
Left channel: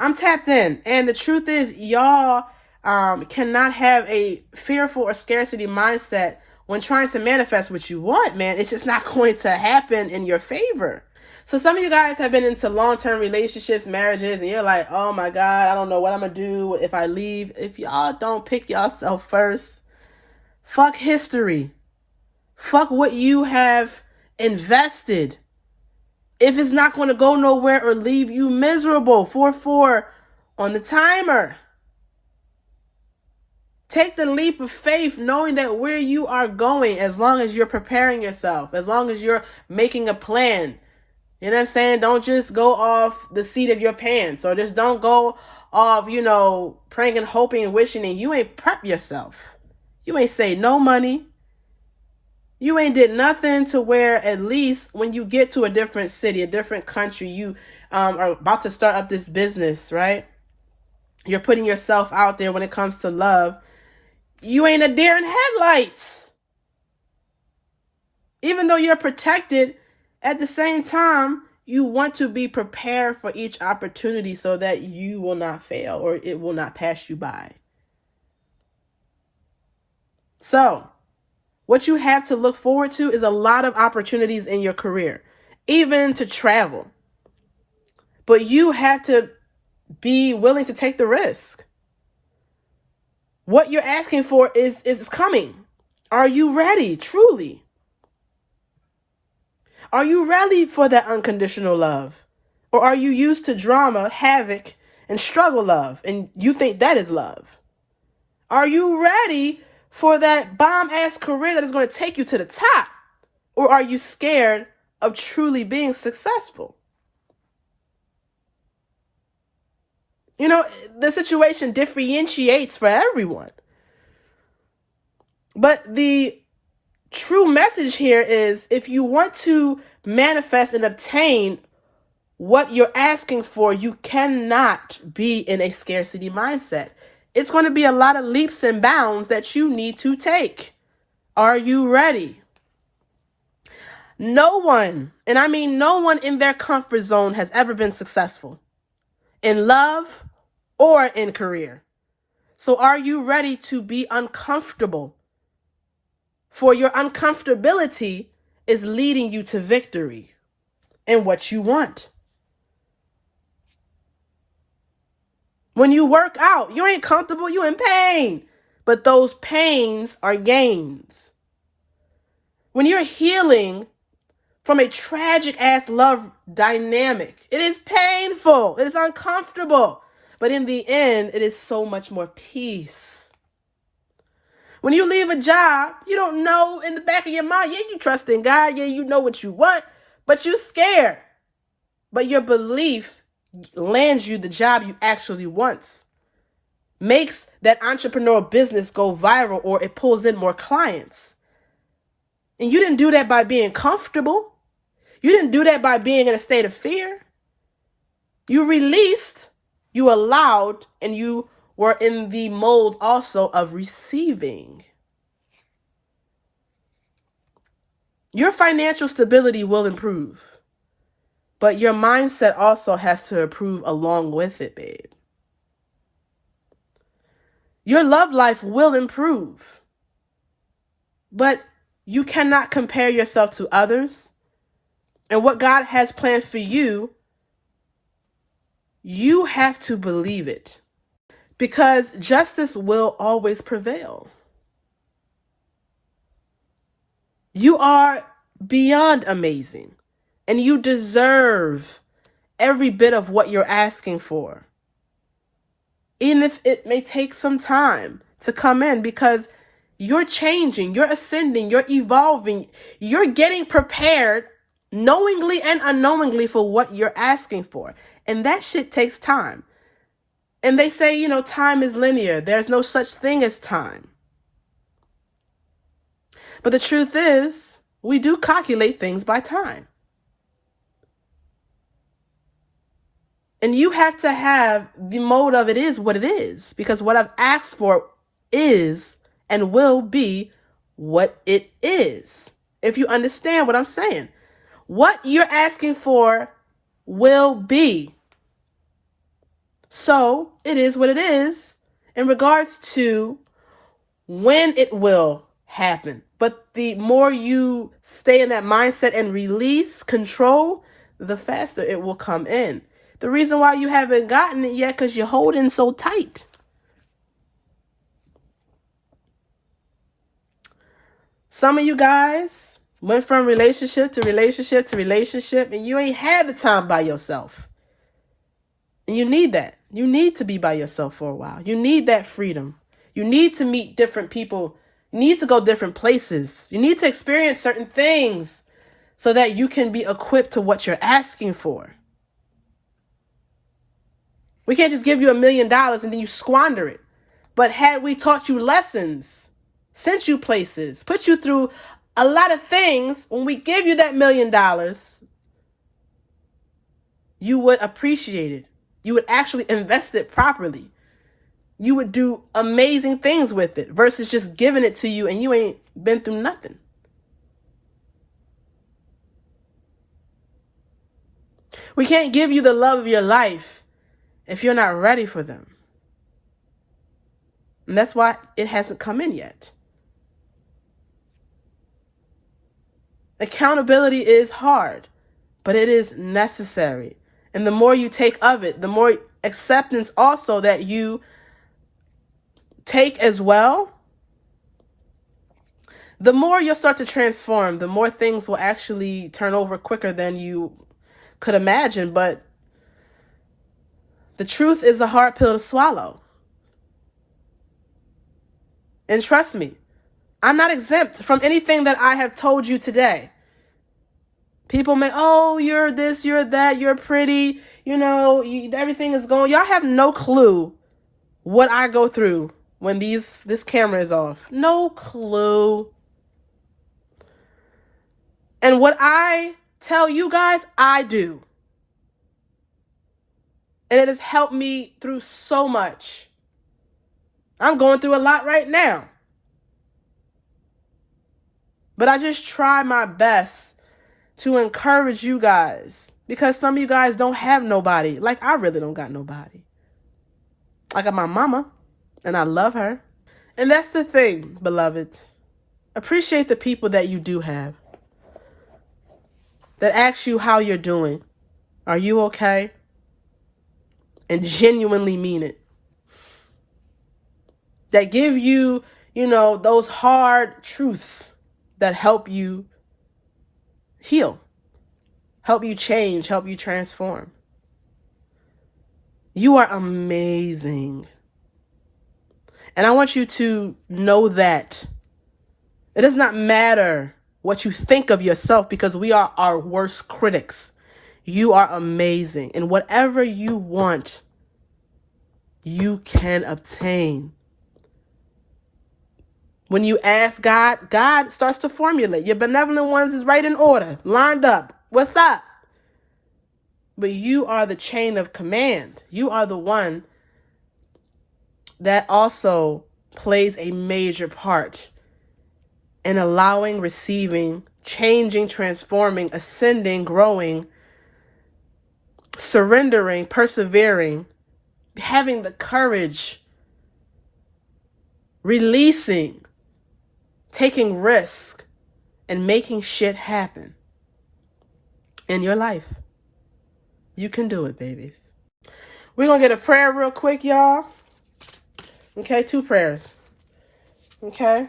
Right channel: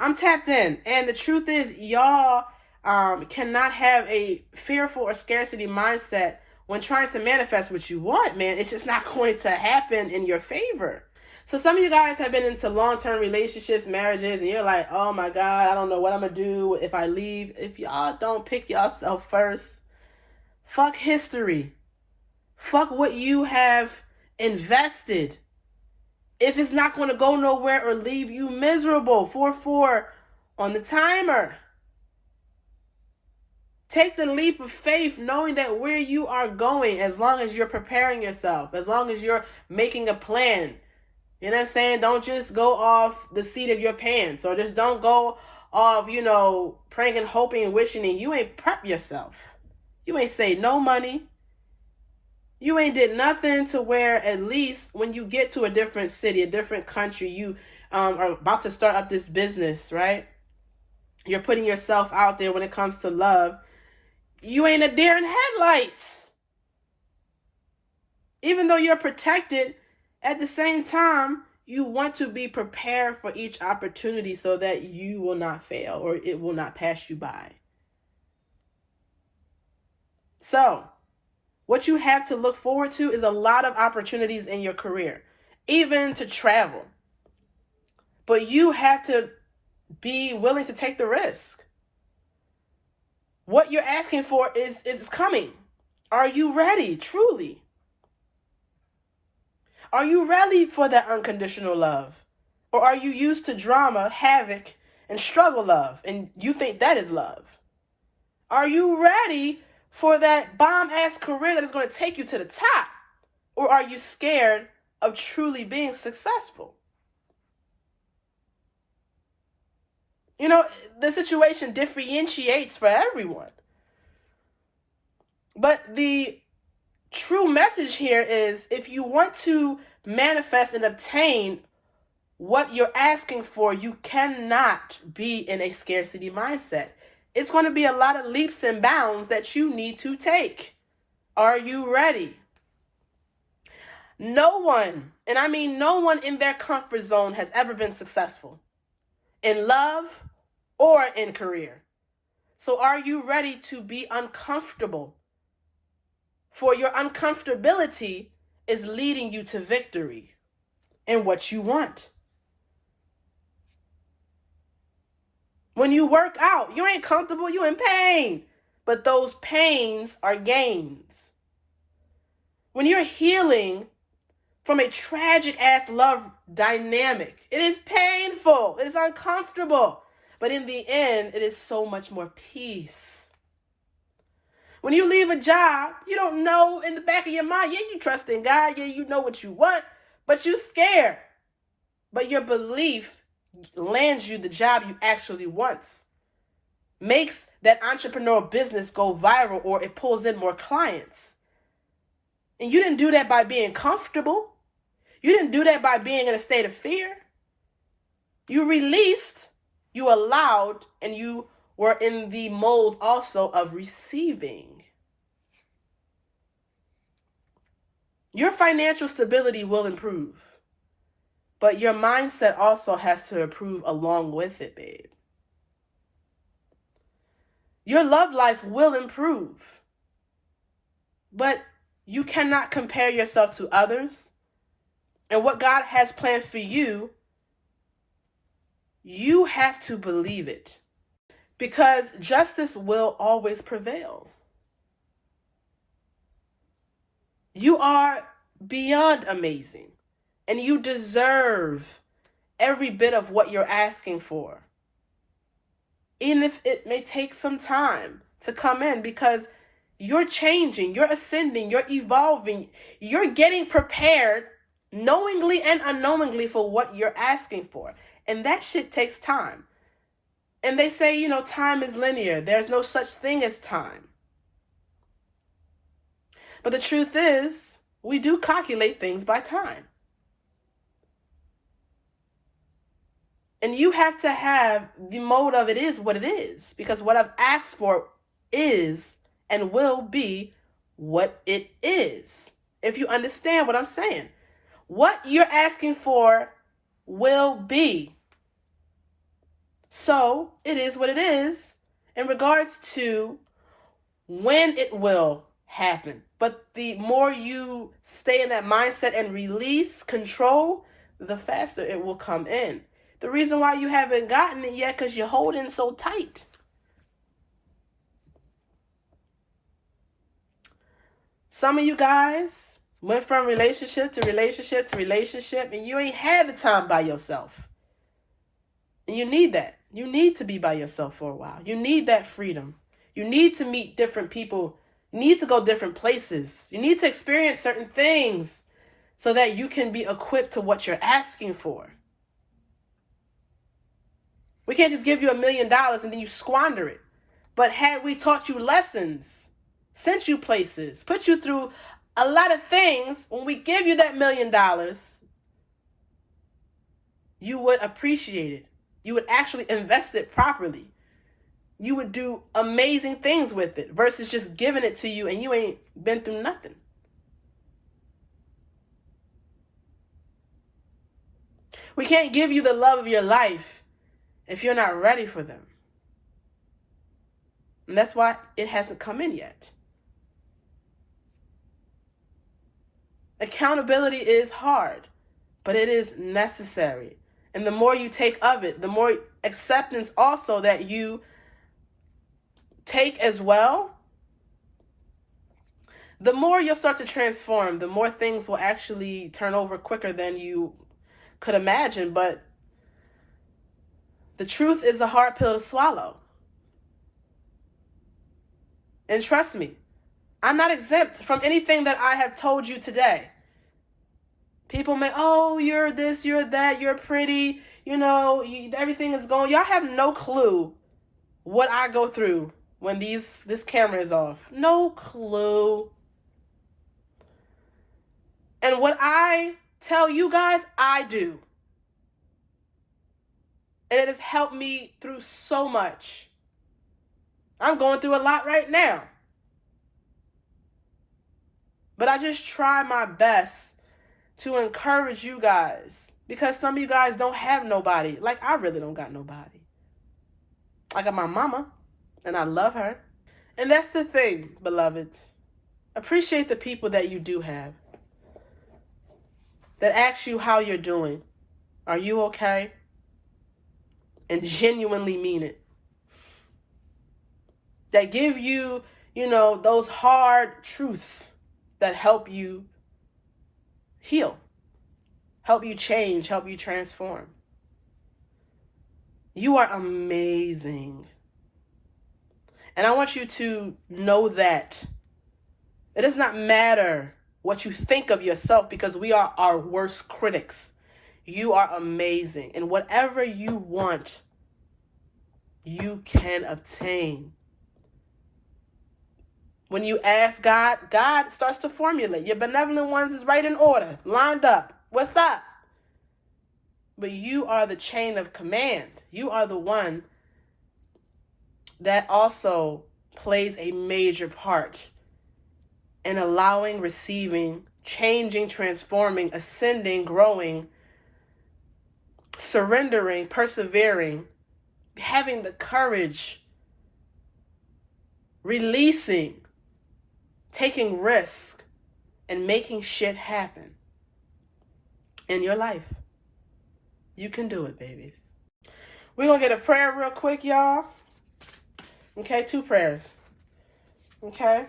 I'm tapped in. And the truth is, y'all cannot have a fearful or scarcity mindset when trying to manifest what you want, man. It's just not going to happen in your favor. So some of you guys have been into long-term relationships, marriages, and you're like, oh my God, I don't know what I'm going to do if I leave. If y'all don't pick yourself first, fuck history. Fuck what you have invested. If it's not going to go nowhere or leave you miserable, 4-4 on the timer. Take the leap of faith knowing that where you are going, as long as you're preparing yourself, as long as you're making a plan. You know what I'm saying? Don't just go off the seat of your pants, or just don't go off, praying and hoping and wishing, and you ain't prep yourself. You ain't saved no money. You ain't did nothing to where at least when you get to a different city, a different country, you are about to start up this business, right? You're putting yourself out there when it comes to love. You ain't a deer in headlights. Even though you're protected, at the same time, you want to be prepared for each opportunity so that you will not fail or it will not pass you by. So, what you have to look forward to is a lot of opportunities in your career, even to travel. But you have to be willing to take the risk. What you're asking for is coming. Are you ready, truly? Are you ready for that unconditional love? Or are you used to drama, havoc, and struggle love, and you think that is love? Are you ready for that bomb-ass career that is going to take you to the top? Or are you scared of truly being successful? You know, the situation differentiates for everyone. But the true message here is, if you want to manifest and obtain what you're asking for, you cannot be in a scarcity mindset. It's going to be a lot of leaps and bounds that you need to take. Are you ready? No one, and I mean no one in their comfort zone has ever been successful in love or in career. So are you ready to be uncomfortable? For your uncomfortability is leading you to victory in what you want. When you work out, you ain't comfortable, you in pain. But those pains are gains. When you're healing from a tragic ass love dynamic, it is painful, it is uncomfortable. But in the end, it is so much more peace. When you leave a job, you don't know in the back of your mind, yeah, you trust in God, yeah, you know what you want, but you're scared. But your belief lands you the job you actually want, makes that entrepreneurial business go viral, or it pulls in more clients. And you didn't do that by being comfortable. You didn't do that by being in a state of fear. You released, you allowed, and you were in the mold also of receiving. Your financial stability will improve, but your mindset also has to improve along with it, babe. Your love life will improve, but you cannot compare yourself to others. And what God has planned for you, you have to believe it. Because justice will always prevail. You are beyond amazing, and you deserve every bit of what you're asking for. Even if it may take some time to come in, because you're changing, you're ascending, you're evolving, you're getting prepared knowingly and unknowingly for what you're asking for. And that shit takes time. And they say, you know, time is linear. There's no such thing as time. But the truth is, we do calculate things by time. And you have to have the mode of it is what it is. Because what I've asked for is and will be what it is. If you understand what I'm saying. What you're asking for will be. So it is what it is in regards to when it will happen. But the more you stay in that mindset and release control, the faster it will come in. The reason why you haven't gotten it yet, because you're holding so tight. Some of you guys went from relationship to relationship to relationship, and you ain't had the time by yourself. And you need that. You need to be by yourself for a while. You need that freedom. You need to meet different people. You need to go different places. You need to experience certain things so that you can be equipped to what you're asking for. We can't just give you $1 million and then you squander it. But had we taught you lessons, sent you places, put you through a lot of things, when we give you that $1 million, you would appreciate it. You would actually invest it properly. You would do amazing things with it versus just giving it to you and you ain't been through nothing. We can't give you the love of your life if you're not ready for them. And that's why it hasn't come in yet. Accountability is hard, but it is necessary. And the more you take of it, the more acceptance also that you take as well, the more you'll start to transform, the more things will actually turn over quicker than you could imagine. But the truth is a hard pill to swallow. And trust me, I'm not exempt from anything that I have told you today. People may, oh, you're this, you're that, you're pretty, everything is going. Y'all have no clue what I go through when this camera is off. No clue. And what I tell you guys, I do. And it has helped me through so much. I'm going through a lot right now. But I just try my best to encourage you guys, because some of you guys don't have nobody. Like, I really don't got nobody. I got my mama, and I love her. And that's the thing, beloveds. Appreciate the people that you do have, that ask you how you're doing. Are you okay? And genuinely mean it. That give you, those hard truths that help you heal, help you change, help you transform. You are amazing. And I want you to know that it does not matter what you think of yourself, because we are our worst critics. You are amazing. And whatever you want, you can obtain. When you ask God, God starts to formulate. Your benevolent ones is right in order, lined up. What's up? But you are the chain of command. You are the one that also plays a major part in allowing, receiving, changing, transforming, ascending, growing, surrendering, persevering, having the courage, releasing, taking risk, and making shit happen in your life. You can do it, babies. We're going to get a prayer real quick, y'all. Okay, 2 prayers. Okay?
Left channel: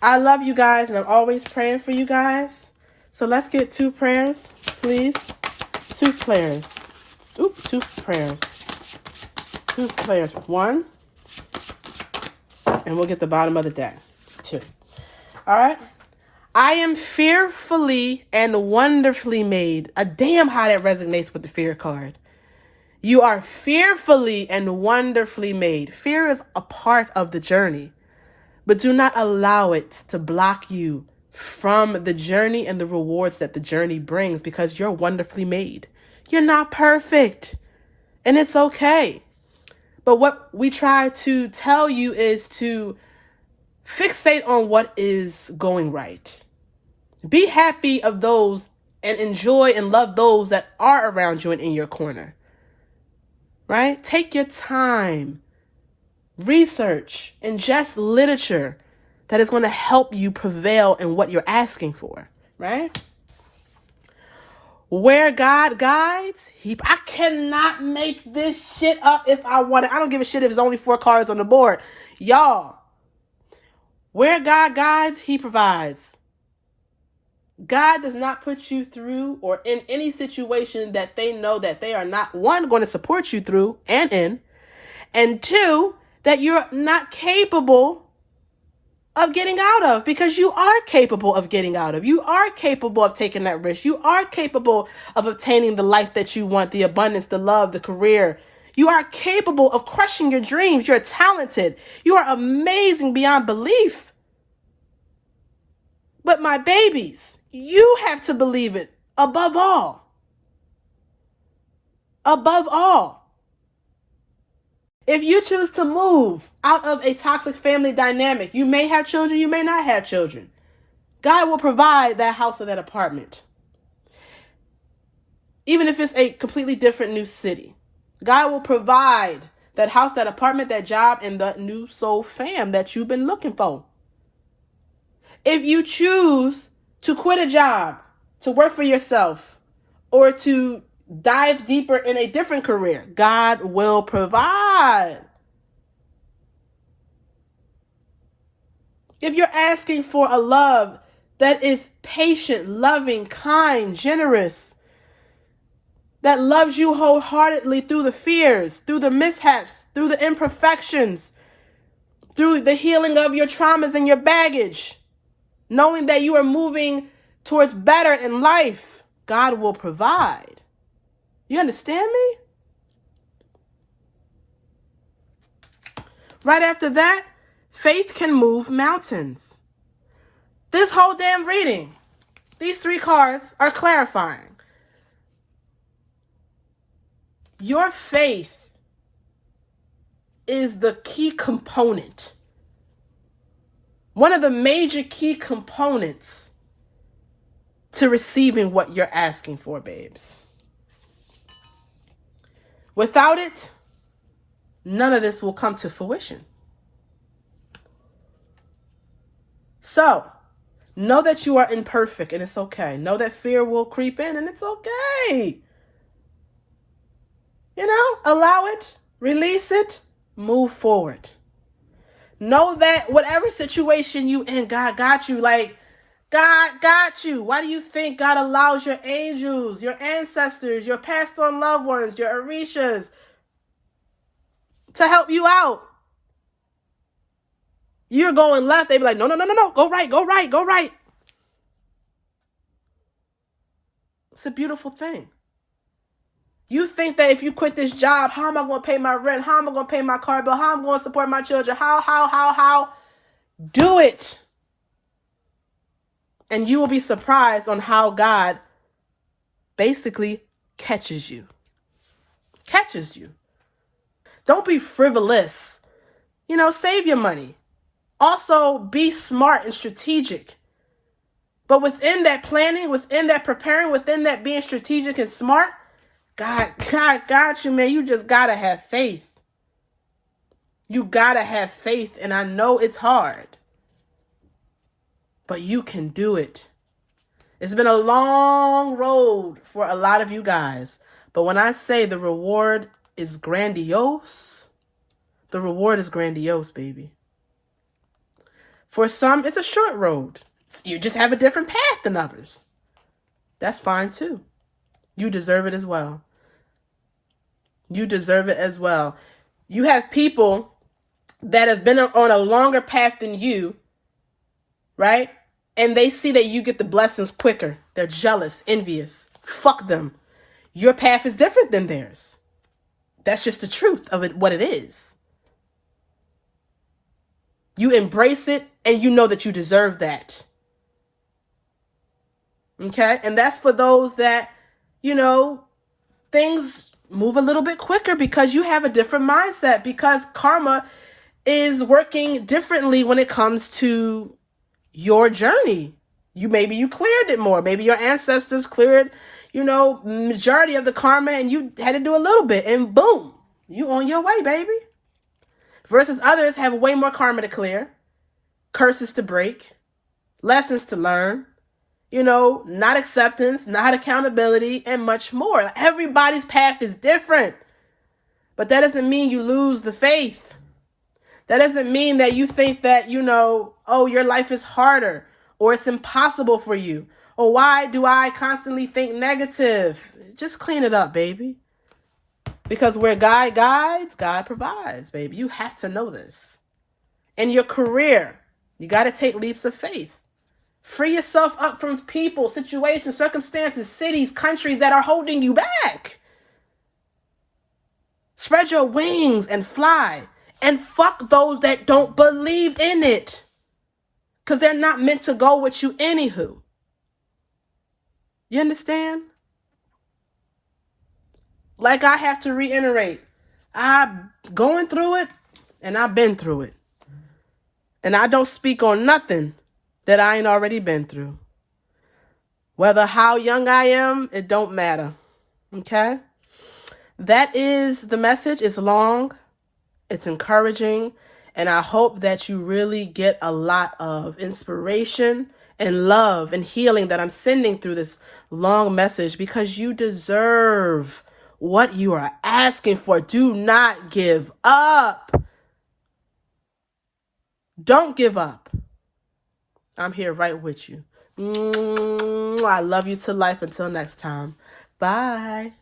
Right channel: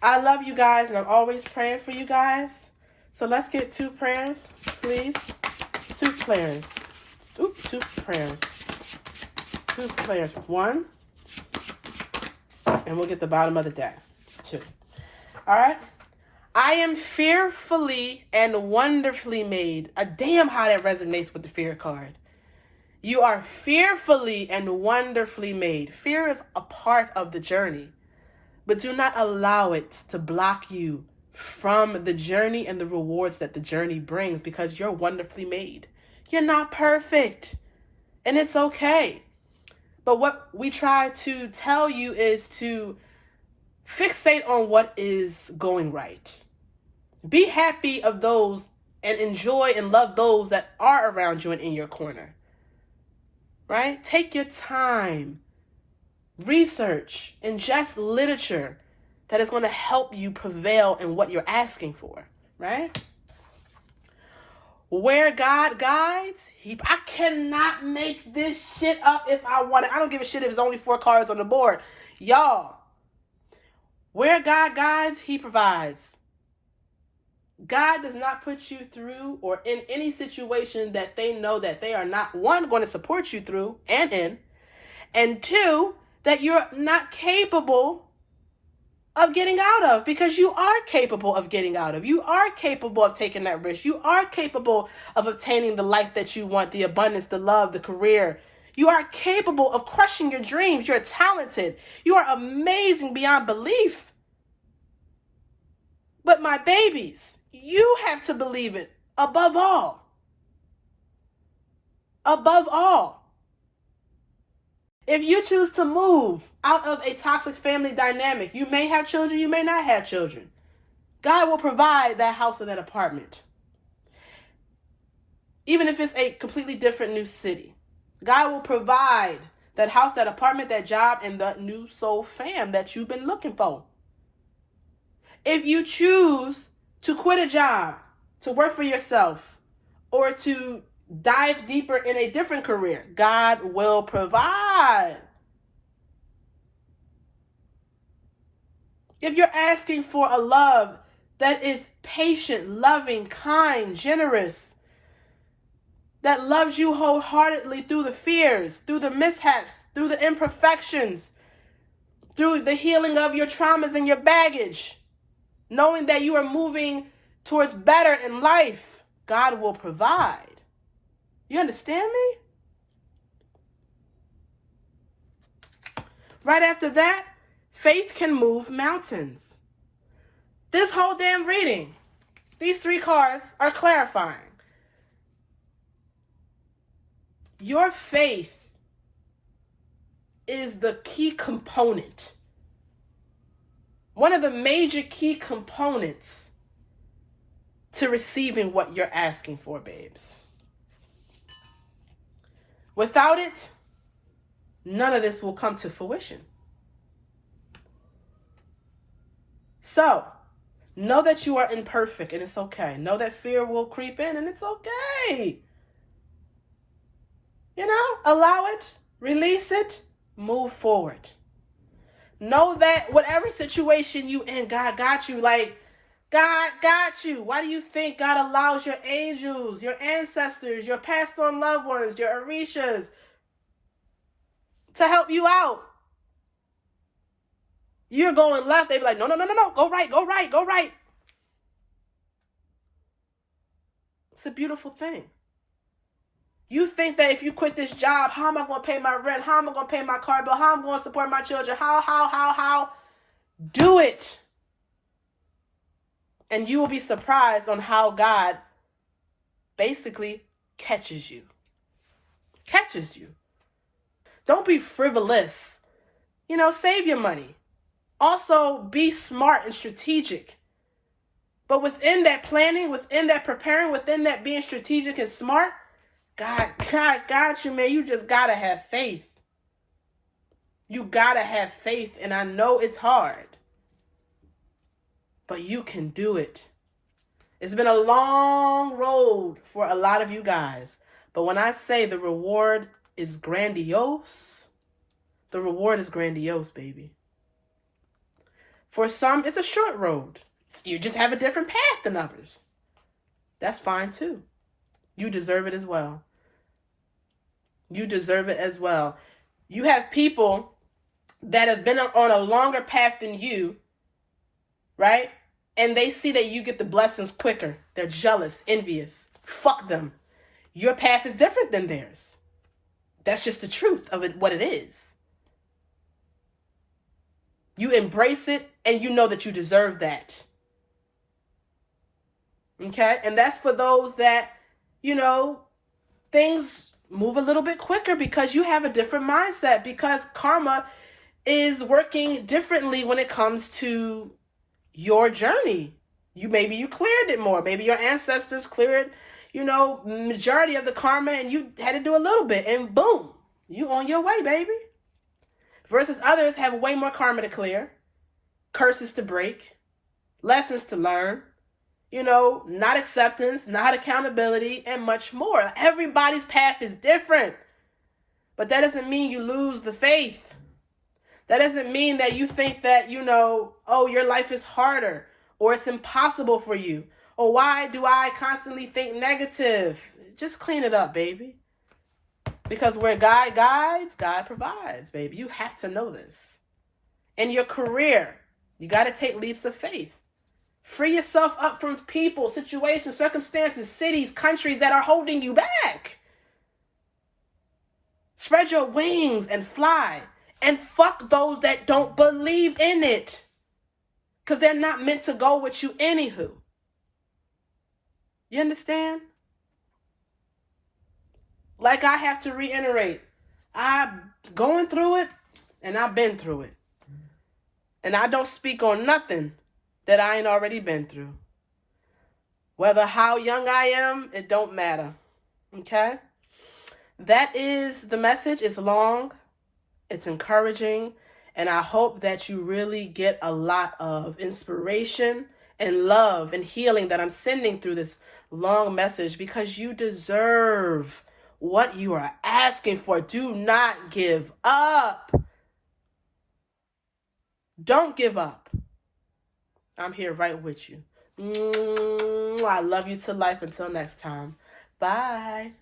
I love you guys, and I'm always praying for you guys. So let's get 2 prayers, please. 2 prayers. Oop, 2 prayers. 2 prayers. 1. And we'll get the bottom of the deck. 2. All right? I am fearfully and wonderfully made. Damn how that resonates with the fear card. You are fearfully and wonderfully made. Fear is a part of the journey, but do not allow it to block you from the journey and the rewards that the journey brings, because you're wonderfully made. You're not perfect, and it's okay. But what we try to tell you is to fixate on what is going right. Be happy of those and enjoy and love those that are around you and in your corner. Right? Take your time. Research. Ingest literature that is going to help you prevail in what you're asking for. Right? Where God guides, I cannot make this shit up if I want it. I don't give a shit if it's only 4 cards on the board. Y'all, where God guides, he provides. God does not put you through or in any situation that they know that they are not, 1, going to support you through and in, and 2, that you're not capable of getting out of, because you are capable of getting out of. You are capable of taking that risk. You are capable of obtaining the life that you want, the abundance, the love, the career. You are capable of crushing your dreams. You're talented. You are amazing beyond belief. But my babies, you have to believe it above all. above all. If you choose to move out of a toxic family dynamic, you may have children, you may not have children. God will provide that house or that apartment. Even if it's a completely different new city, God will provide that house, that apartment, that job, and the new soul fam that you've been looking for. If you choose to quit a job, to work for yourself, or to dive deeper in a different career, God will provide. If you're asking for a love that is patient, loving, kind, generous, that loves you wholeheartedly through the fears, through the mishaps, through the imperfections, through the healing of your traumas and your baggage, knowing that you are moving towards better in life, God will provide. You understand me? Right after that, faith can move mountains. This whole damn reading, these 3 cards are clarifying. Your faith is the key component. One of the major key components to receiving what you're asking for, babes. Without it, none of this will come to fruition. So, know that you are imperfect and it's okay. Know that fear will creep in and it's okay. You know, allow it, release it, move forward. Know that whatever situation you in, God got you. Like, God got you. Why do you think God allows your angels, your ancestors, your passed on loved ones, your Orishas to help you out? You're going left, they be like, no, no, no, no, no, go right, go right, go right. It's a beautiful thing. You think that if you quit this job, how am I going to pay my rent? How am I going to pay my car bill? How am I going to support my children? How? Do it. And you will be surprised on how God basically catches you. Catches you. Don't be frivolous. You know, save your money. Also, be smart and strategic. But within that planning, within that preparing, within that being strategic and smart, God got you, man. You just gotta have faith. You gotta have faith, and I know it's hard, but you can do it. It's been a long road for a lot of you guys, but when I say the reward is grandiose, the reward is grandiose, baby. For some, it's a short road. You just have a different path than others. That's fine too. You deserve it as well. You deserve it as well. You have people that have been on a longer path than you, right? And they see that you get the blessings quicker. They're jealous, envious. Fuck them. Your path is different than theirs. That's just the truth of it, what it is. You embrace it and you know that you deserve that. Okay? And that's for those that, you know, things move a little bit quicker because you have a different mindset, because karma is working differently when it comes to your journey. Maybe you cleared it more. Maybe your ancestors cleared, you know, majority of the karma and you had to do a little bit and boom, you on your way, baby. Versus others have way more karma to clear, curses to break, lessons to learn, you know, not acceptance, not accountability, and much more. Everybody's path is different. But that doesn't mean you lose the faith. That doesn't mean that you think that, you know, oh, your life is harder or it's impossible for you. Or why do I constantly think negative? Just clean it up, baby. Because where God guides, God provides, baby. You have to know this. In your career, you got to take leaps of faith. Free yourself up from people, situations, circumstances, cities, countries that are holding you back. Spread your wings and fly. And fuck those that don't believe in it. Because they're not meant to go with you anywho. You understand? Like I have to reiterate, I'm going through it and I've been through it. And I don't speak on nothing that I ain't already been through. Whether how young I am, it don't matter. Okay? That is the message. It's long. It's encouraging. And I hope that you really get a lot of inspiration and love and healing that I'm sending through this long message, because you deserve what you are asking for. Do not give up. Don't give up. I'm here right with you. I love you to life. Until next time. Bye.